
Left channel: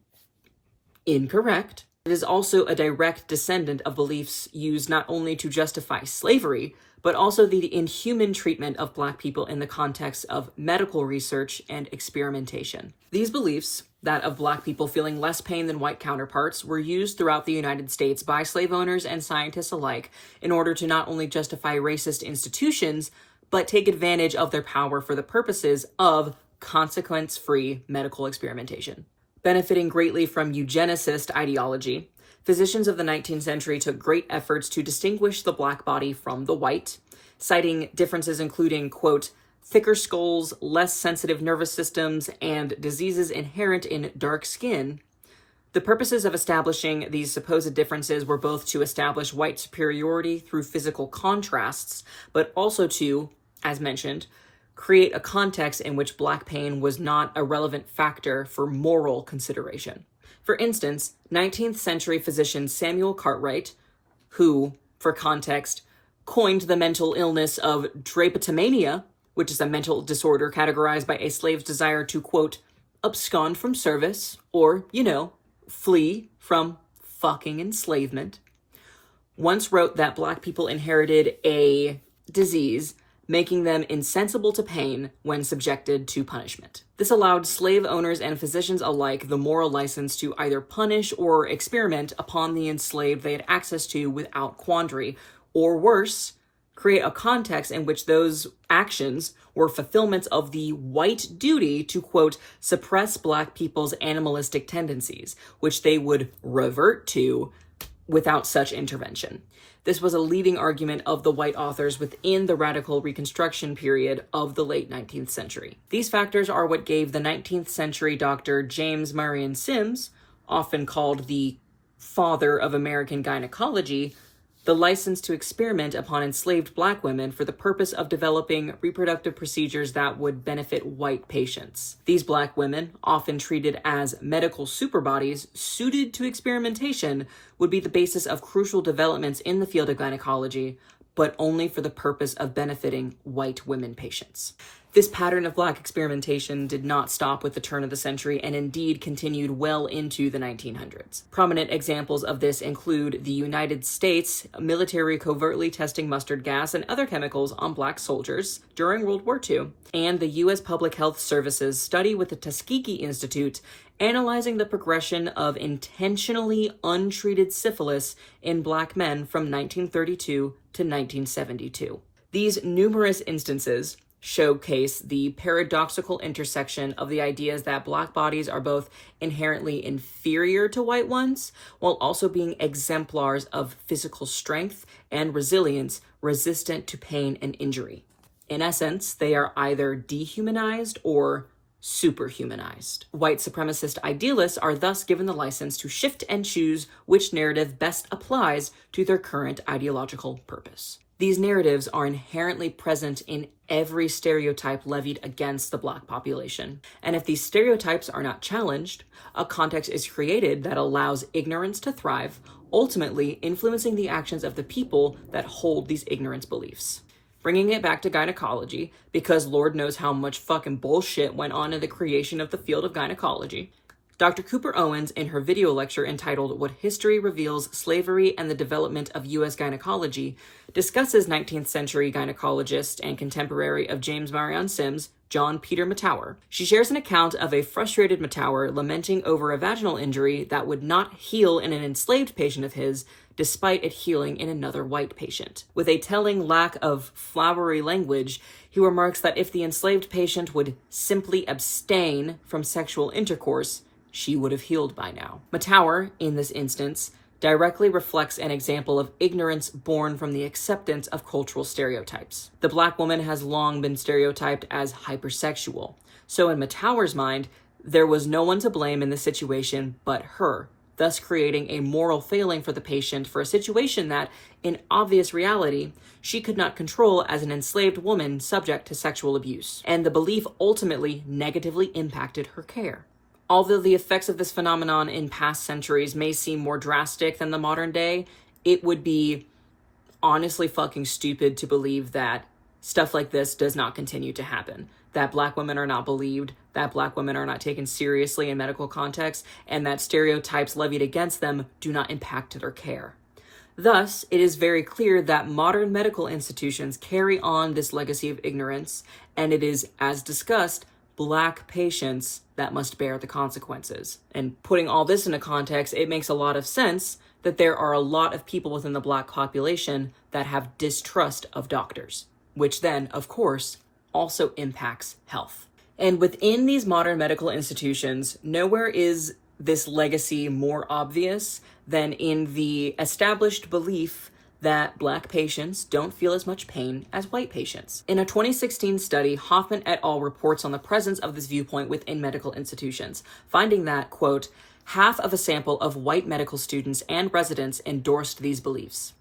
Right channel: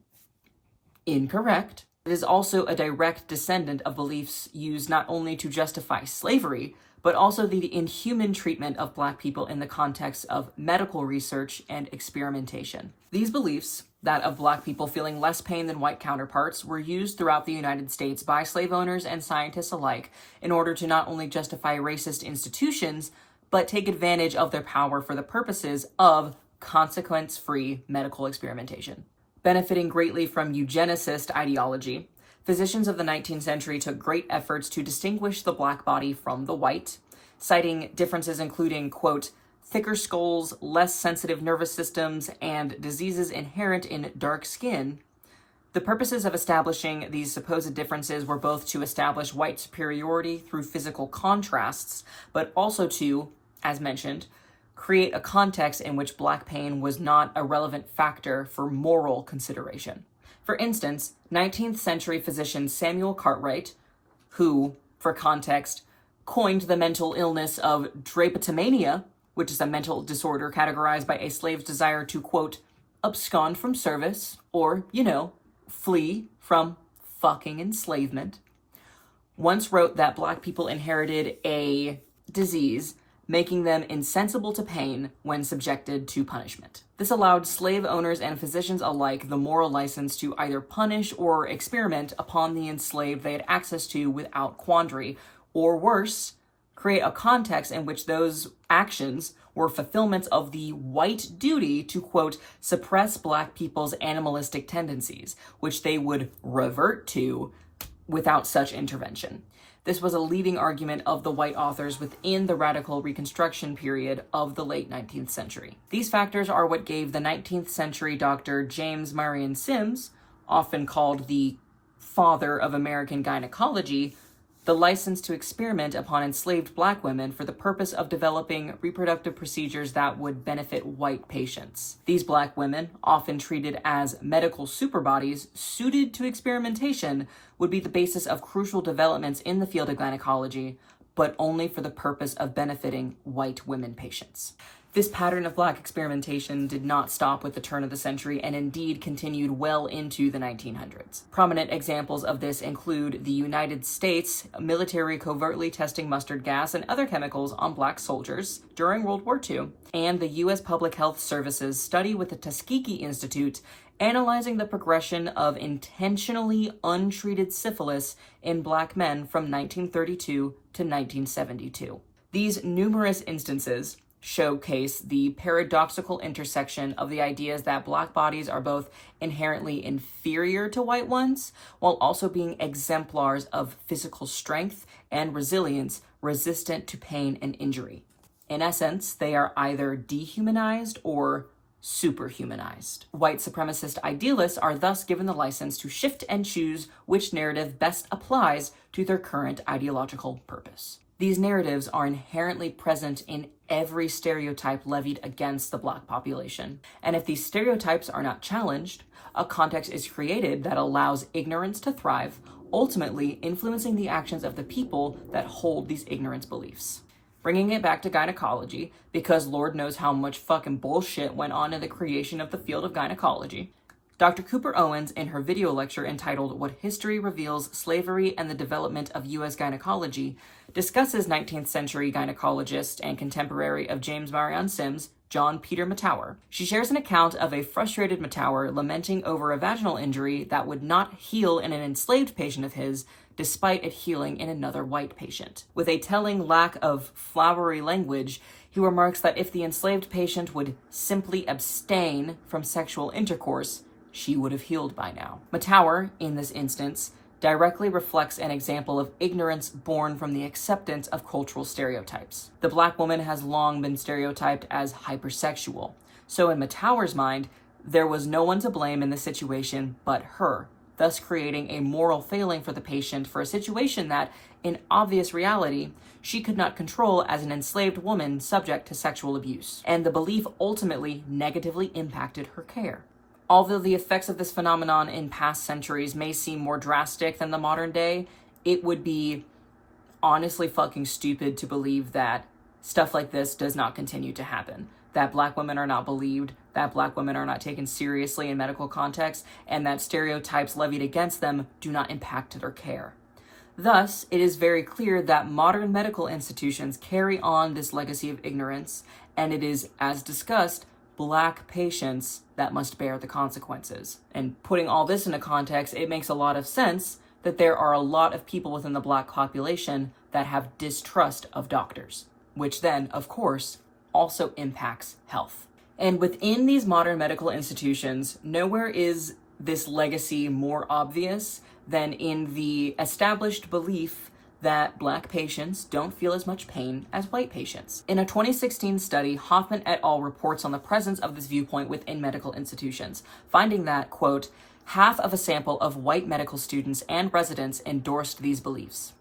incorrect, it is also a direct descendant of beliefs used not only to justify slavery, but also the inhuman treatment of Black people in the context of medical research and experimentation. These beliefs, that of Black people feeling less pain than white counterparts, were used throughout the United States by slave owners and scientists alike in order to not only justify racist institutions, but take advantage of their power for the purposes of consequence-free medical experimentation. Benefiting greatly from eugenicist ideology, physicians of the 19th century took great efforts to distinguish the Black body from the white, citing differences including, quote, thicker skulls, less sensitive nervous systems, and diseases inherent in dark skin. The purposes of establishing these supposed differences were both to establish white superiority through physical contrasts, but also to, as mentioned, create a context in which Black pain was not a relevant factor for moral consideration. For instance, 19th century physician Samuel Cartwright, who, for context, coined the mental illness of drapetomania, which is a mental disorder categorized by a slave's desire to, quote, abscond from service, or, flee from fucking enslavement, once wrote that Black people inherited a disease making them insensible to pain when subjected to punishment. This allowed slave owners and physicians alike the moral license to either punish or experiment upon the enslaved they had access to without quandary, or worse, create a context in which those actions were fulfillments of the white duty to, quote, suppress Black people's animalistic tendencies, which they would revert to without such intervention. This was a leading argument of the white authors within the radical Reconstruction period of the late 19th century. These factors are what gave the 19th century Dr. James Marion Sims, often called the father of American gynecology, the license to experiment upon enslaved Black women for the purpose of developing reproductive procedures that would benefit white patients. These Black women, often treated as medical superbodies suited to experimentation, would be the basis of crucial developments in the field of gynecology, but only for the purpose of benefiting white women patients. This pattern of Black experimentation did not stop with the turn of the century and indeed continued well into the 1900s. Prominent examples of this include the United States military covertly testing mustard gas and other chemicals on Black soldiers during World War II, and the U.S. Public Health Service's study with the Tuskegee Institute analyzing the progression of intentionally untreated syphilis in Black men from 1932 to 1972. These numerous instances showcase the paradoxical intersection of the ideas that Black bodies are both inherently inferior to white ones, while also being exemplars of physical strength and resilience resistant to pain and injury. In essence, they are either dehumanized or superhumanized. White supremacist idealists are thus given the license to shift and choose which narrative best applies to their current ideological purpose. These narratives are inherently present in every stereotype levied against the Black population. And if these stereotypes are not challenged, a context is created that allows ignorance to thrive, ultimately influencing the actions of the people that hold these ignorance beliefs. Bringing it back to gynecology, because Lord knows how much fucking bullshit went on in the creation of the field of gynecology, Dr. Cooper Owens, in her video lecture entitled What History Reveals Slavery and the Development of U.S. Gynecology, discusses 19th century gynecologist and contemporary of James Marion Sims, John Peter Matower. She shares an account of a frustrated Matower lamenting over a vaginal injury that would not heal in an enslaved patient of his, despite it healing in another white patient. With a telling lack of flowery language, he remarks that if the enslaved patient would simply abstain from sexual intercourse, she would have healed by now. Matower, in this instance, directly reflects an example of ignorance born from the acceptance of cultural stereotypes. The Black woman has long been stereotyped as hypersexual. So in Matauer's mind, there was no one to blame in the situation but her, thus creating a moral failing for the patient for a situation that, in obvious reality, she could not control as an enslaved woman subject to sexual abuse. And the belief ultimately negatively impacted her care. Although the effects of this phenomenon in past centuries may seem more drastic than the modern day, it would be honestly fucking stupid to believe that stuff like this does not continue to happen. That Black women are not believed, that Black women are not taken seriously in medical contexts, and that stereotypes levied against them do not impact their care. Thus, it is very clear that modern medical institutions carry on this legacy of ignorance, and it is, as discussed, Black patients that must bear the consequences. And putting all this into context, it makes a lot of sense that there are a lot of people within the Black population that have distrust of doctors, which then, of course, also impacts health. And within these modern medical institutions, nowhere is this legacy more obvious than in the established belief that Black patients don't feel as much pain as white patients. In a 2016 study, Hoffman et al. Reports on the presence of this viewpoint within medical institutions, finding that, quote, half of a sample of white medical students and residents endorsed these beliefs.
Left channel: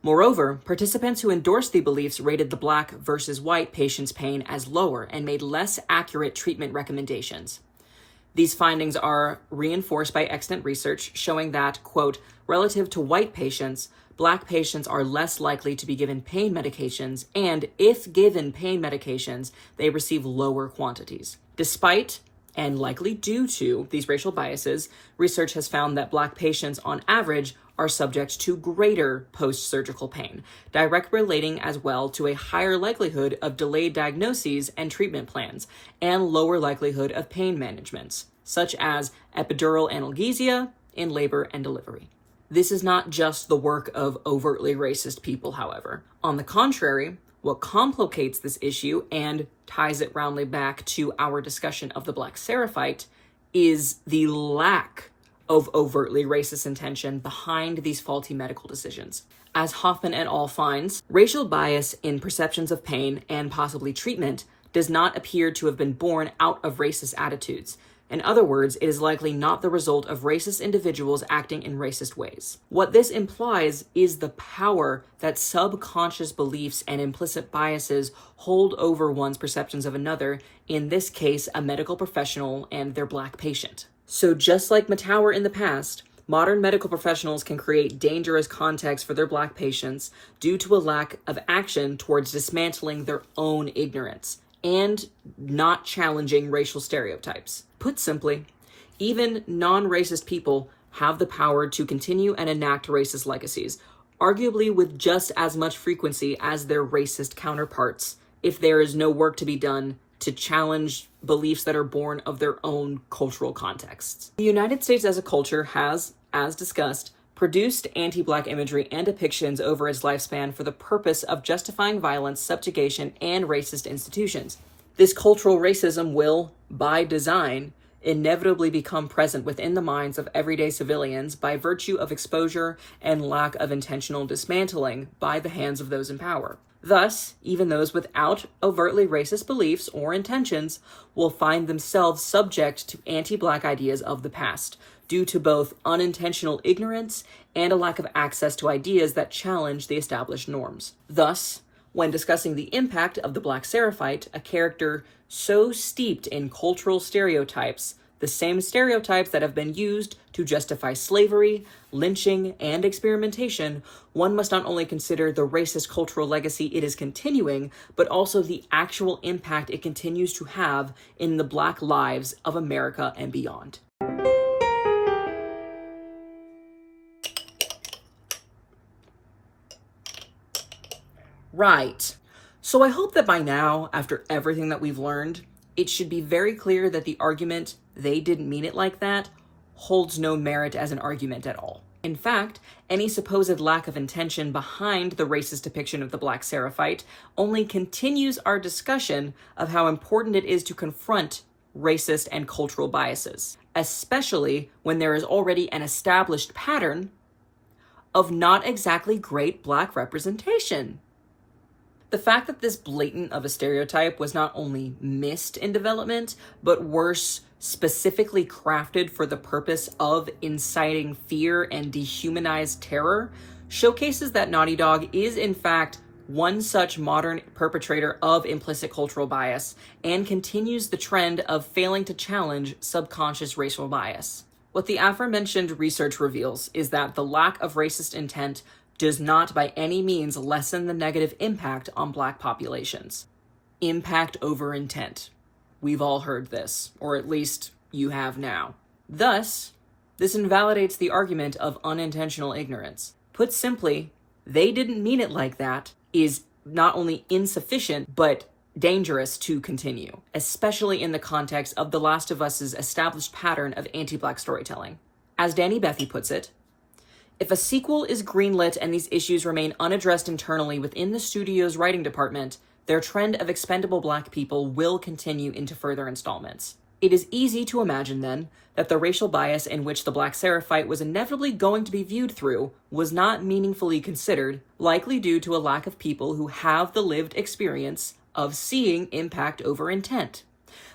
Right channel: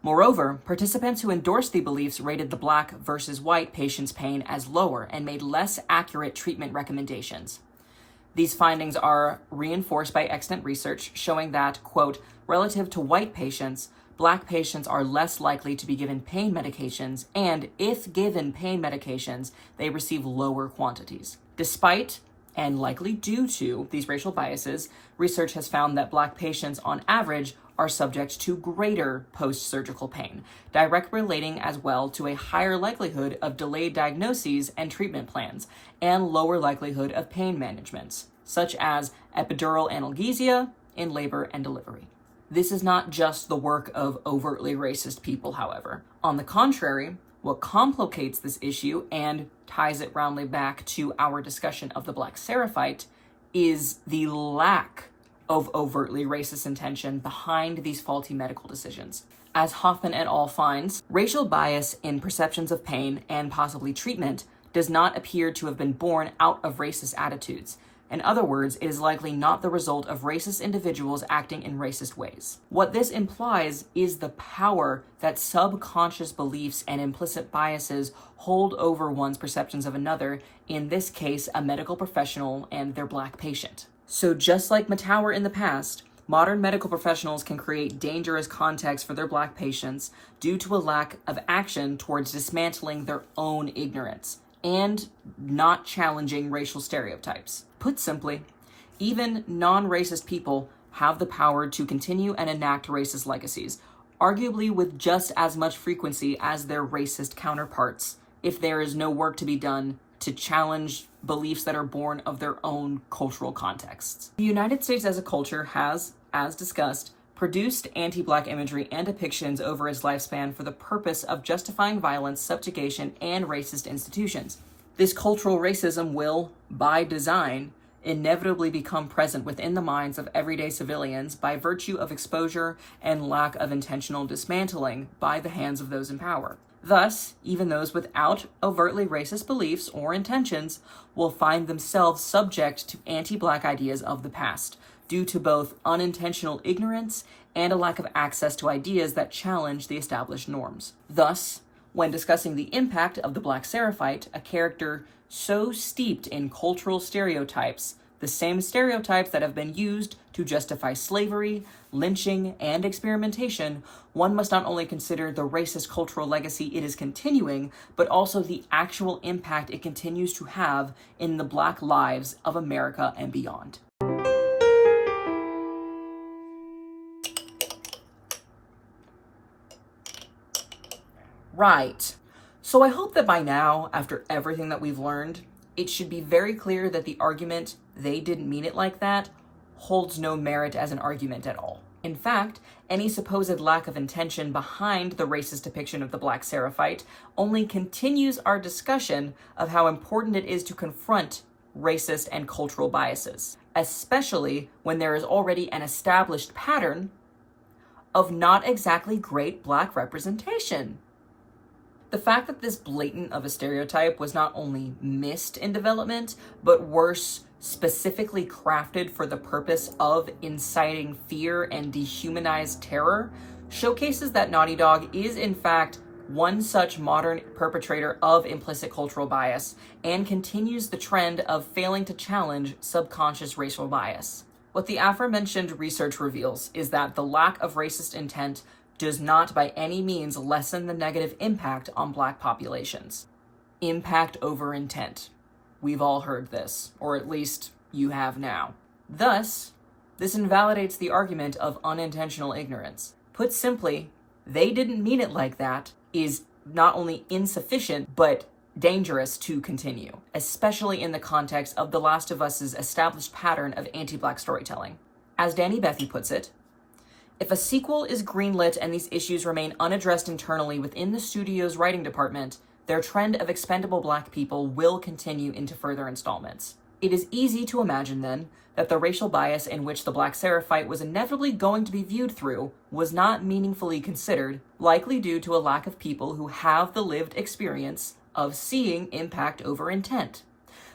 Moreover, participants who endorsed the beliefs rated the Black versus white patient's pain as lower and made less accurate treatment recommendations. These findings are reinforced by extant research showing that, quote, relative to white patients, Black patients are less likely to be given pain medications, and if given pain medications, they receive lower quantities. Despite, and likely due to, these racial biases, research has found that Black patients, on average, are subject to greater post-surgical pain, directly relating as well to a higher likelihood of delayed diagnoses and treatment plans, and lower likelihood of pain managements, such as epidural analgesia in labor and delivery. This is not just the work of overtly racist people, however. On the contrary, what complicates this issue and ties it roundly back to our discussion of the Black Seraphite is the lack of overtly racist intention behind these faulty medical decisions. As Hoffman et al. Finds, racial bias in perceptions of pain and possibly treatment does not appear to have been born out of racist attitudes. In other words, it is likely not the result of racist individuals acting in racist ways. What this implies is the power that subconscious beliefs and implicit biases hold over one's perceptions of another, in this case, a medical professional and their Black patient. So just like Matauer in the past, modern medical professionals can create dangerous context for their Black patients due to a lack of action towards dismantling their own ignorance and not challenging racial stereotypes. Put simply, even non-racist people have the power to continue and enact racist legacies, arguably with just as much frequency as their racist counterparts, if there is no work to be done to challenge beliefs that are born of their own cultural contexts. The United States as a culture has, as discussed, produced anti-Black imagery and depictions over its lifespan for the purpose of justifying violence, subjugation, and racist institutions. This cultural racism will, by design, inevitably become present within the minds of everyday civilians by virtue of exposure and lack of intentional dismantling by the hands of those in power. Thus, even those without overtly racist beliefs or intentions will find themselves subject to anti-Black ideas of the past, due to both unintentional ignorance and a lack of access to ideas that challenge the established norms. Thus, when discussing the impact of the Black Seraphite, a character so steeped in cultural stereotypes, the same stereotypes that have been used to justify slavery, lynching, and experimentation, one must not only consider the racist cultural legacy it is continuing, but also the actual impact it continues to have in the Black lives of America and beyond. Right. So I hope that by now, after everything that we've learned, it should be very clear that the argument, "they didn't mean it like that," holds no merit as an argument at all. In fact, any supposed lack of intention behind the racist depiction of the Black Seraphite only continues our discussion of how important it is to confront racist and cultural biases, especially when there is already an established pattern of not exactly great Black representation. The fact that this blatant of a stereotype was not only missed in development, but worse, specifically crafted for the purpose of inciting fear and dehumanized terror, showcases that Naughty Dog is in fact one such modern perpetrator of implicit cultural bias, and continues the trend of failing to challenge subconscious racial bias. What the aforementioned research reveals is that the lack of racist intent does not by any means lessen the negative impact on Black populations. Impact over intent. We've all heard this, or at least you have now. Thus, this invalidates the argument of unintentional ignorance. Put simply, they didn't mean it like that is not only insufficient, but dangerous to continue, especially in the context of The Last of Us's established pattern of anti-Black storytelling. As Danny Bethy puts it, if a sequel is greenlit and these issues remain unaddressed internally within the studio's writing department, their trend of expendable Black people will continue into further installments. It is easy to imagine, then, that the racial bias in which the Black Seraphite was inevitably going to be viewed through was not meaningfully considered, likely due to a lack of people who have the lived experience of seeing impact over intent.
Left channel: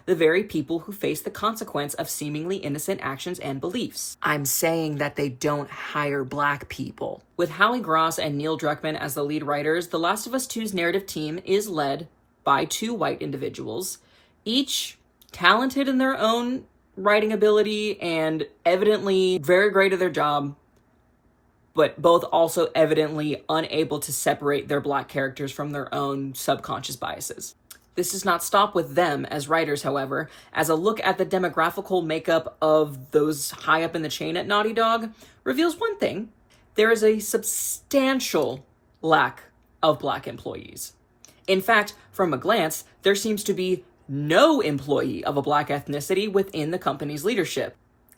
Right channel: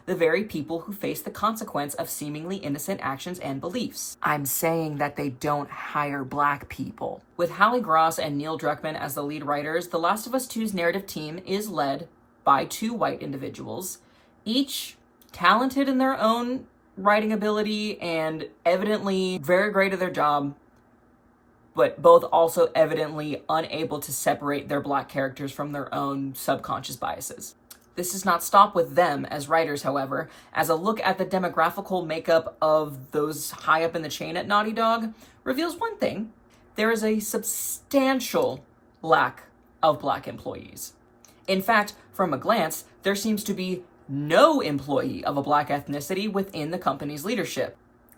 The very people who face the consequence of seemingly innocent actions and beliefs. I'm saying that they don't hire Black people. With Hallie Gross and Neil Druckmann as the lead writers, The Last of Us 2's narrative team is led by two white individuals, each talented in their own writing ability and evidently very great at their job, but both also evidently unable to separate their Black characters from their own subconscious biases. This does not stop with them as writers, however, as a look at the demographical makeup of those high up in the chain at Naughty Dog reveals one thing: there is a substantial lack of Black employees. In fact, from a glance, there seems to be no employee of a Black ethnicity within the company's leadership.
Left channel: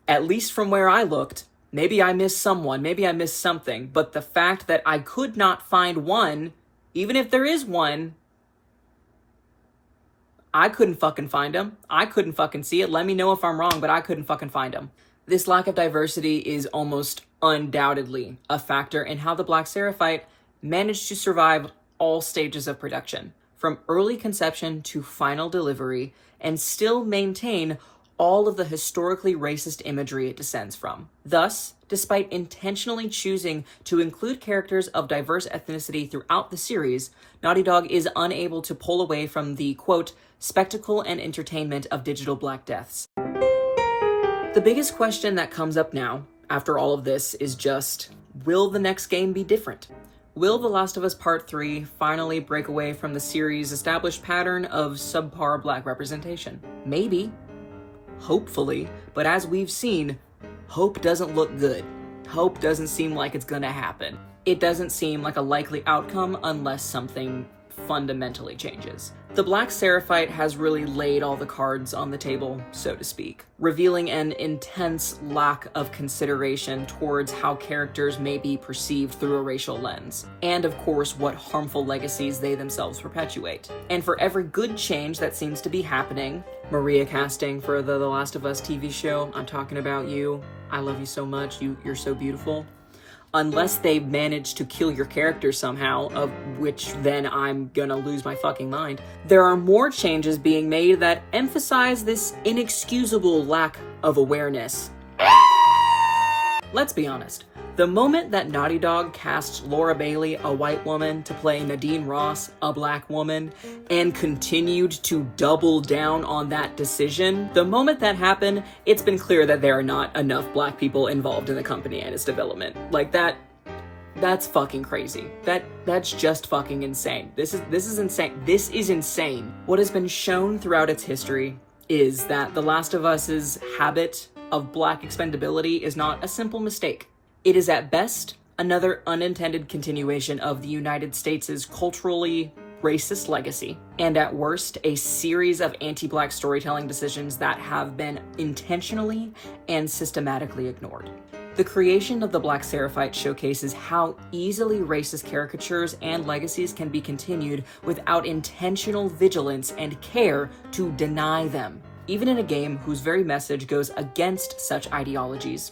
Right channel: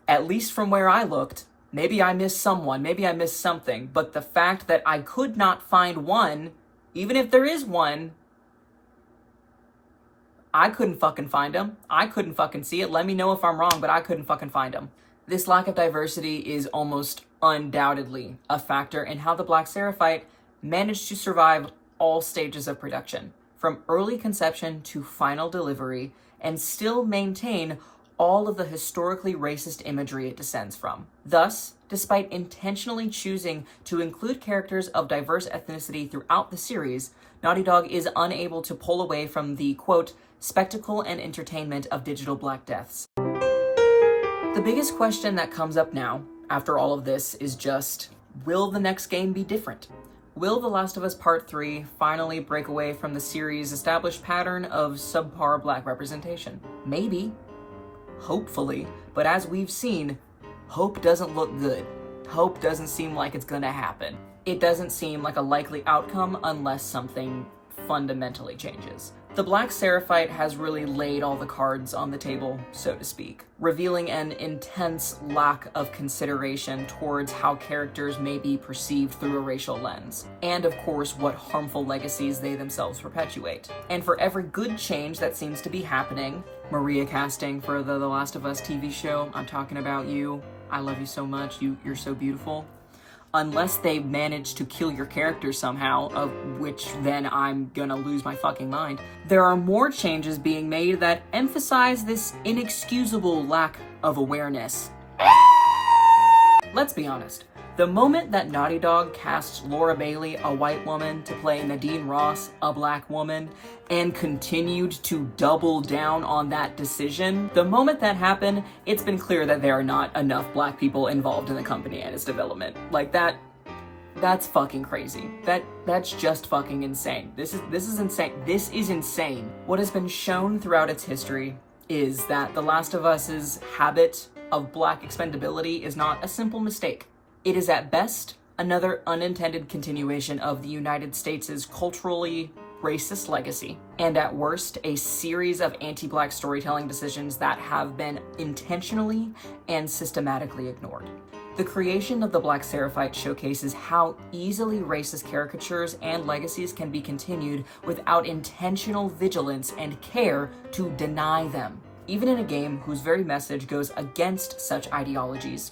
At least from where I looked. Maybe I missed someone, maybe I missed something, but the fact that I could not find one, even if there is one, I couldn't fucking find him. I couldn't fucking see it. Let me know if I'm wrong, but I couldn't fucking find him. This lack of diversity is almost undoubtedly a factor in how the Black Seraphite managed to survive all stages of production, from early conception to final delivery, and still maintain all of the historically racist imagery it descends from. Thus, despite intentionally choosing to include characters of diverse ethnicity throughout the series, Naughty Dog is unable to pull away from the, quote, spectacle and entertainment of digital Black deaths. The biggest question that comes up now, after all of this, is just, will the next game be different? Will The Last of Us Part 3 finally break away from the series' established pattern of subpar Black representation? Maybe. Hopefully. But as we've seen, hope doesn't look good. Hope doesn't seem like it's gonna happen. It doesn't seem like a likely outcome unless something fundamentally changes. The Black Seraphite has really laid all the cards on the table, so to speak, revealing an intense lack of consideration towards how characters may be perceived through a racial lens, and of course what harmful legacies they themselves perpetuate. And for every good change that seems to be happening, Maria casting for the Last of Us TV show, I'm talking about you, I love you so much, you're so beautiful. Unless they manage to kill your character somehow, of which then I'm gonna lose my fucking mind, there are more changes being made that emphasize this inexcusable lack of awareness. Let's be honest. The moment that Naughty Dog cast Laura Bailey, a white woman, to play Nadine Ross, a Black woman, and continued to double down on that decision, the moment that happened, it's been clear that there are not enough Black people involved in the company and its development. Like that's fucking crazy. That's just fucking insane. This is insane. This is insane. What has been shown throughout its history is that The Last of Us's habit of Black expendability is not a simple mistake. It is at best another unintended continuation of the United States' culturally racist legacy, and at worst, a series of anti-Black storytelling decisions that have been intentionally and systematically ignored. The creation of the Black Seraphite showcases how easily racist caricatures and legacies can be continued without intentional vigilance and care to deny them, even in a game whose very message goes against such ideologies.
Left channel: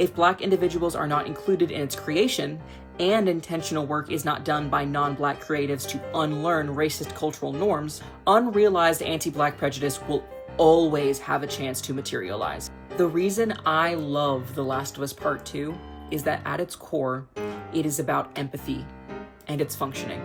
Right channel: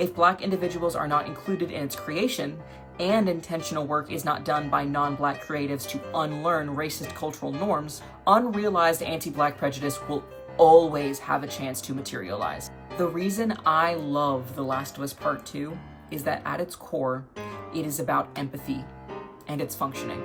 If Black individuals are not included in its creation, and intentional work is not done by non-Black creatives to unlearn racist cultural norms, unrealized anti-Black prejudice will always have a chance to materialize. The reason I love The Last of Us Part 2 is that at its core, it is about empathy and its functioning.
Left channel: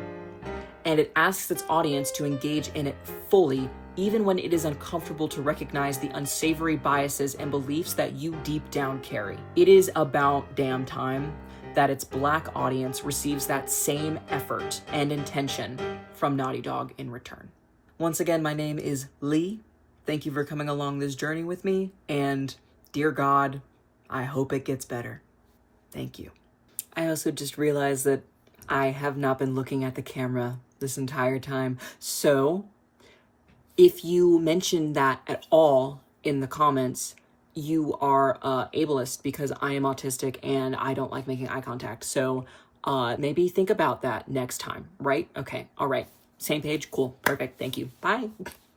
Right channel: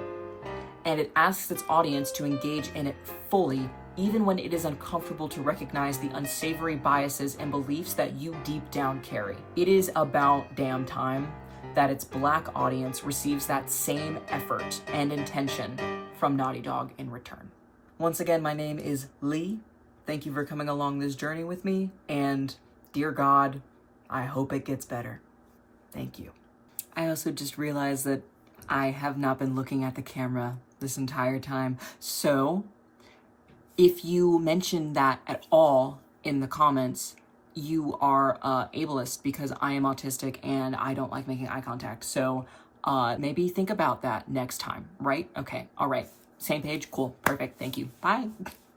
And it asks its audience to engage in it fully, even when it is uncomfortable to recognize the unsavory biases and beliefs that you deep down carry. It is about damn time that its Black audience receives that same effort and intention from Naughty Dog in return. Once again, my name is Lee. Thank you for coming along this journey with me, and dear God, I hope it gets better. Thank you. I also just realized that I have not been looking at the camera this entire time, so if you mention that at all in the comments, you are ableist, because I am autistic and I don't like making eye contact. So maybe think about that next time, right? Okay, all right. Same page, cool, perfect, thank you, bye.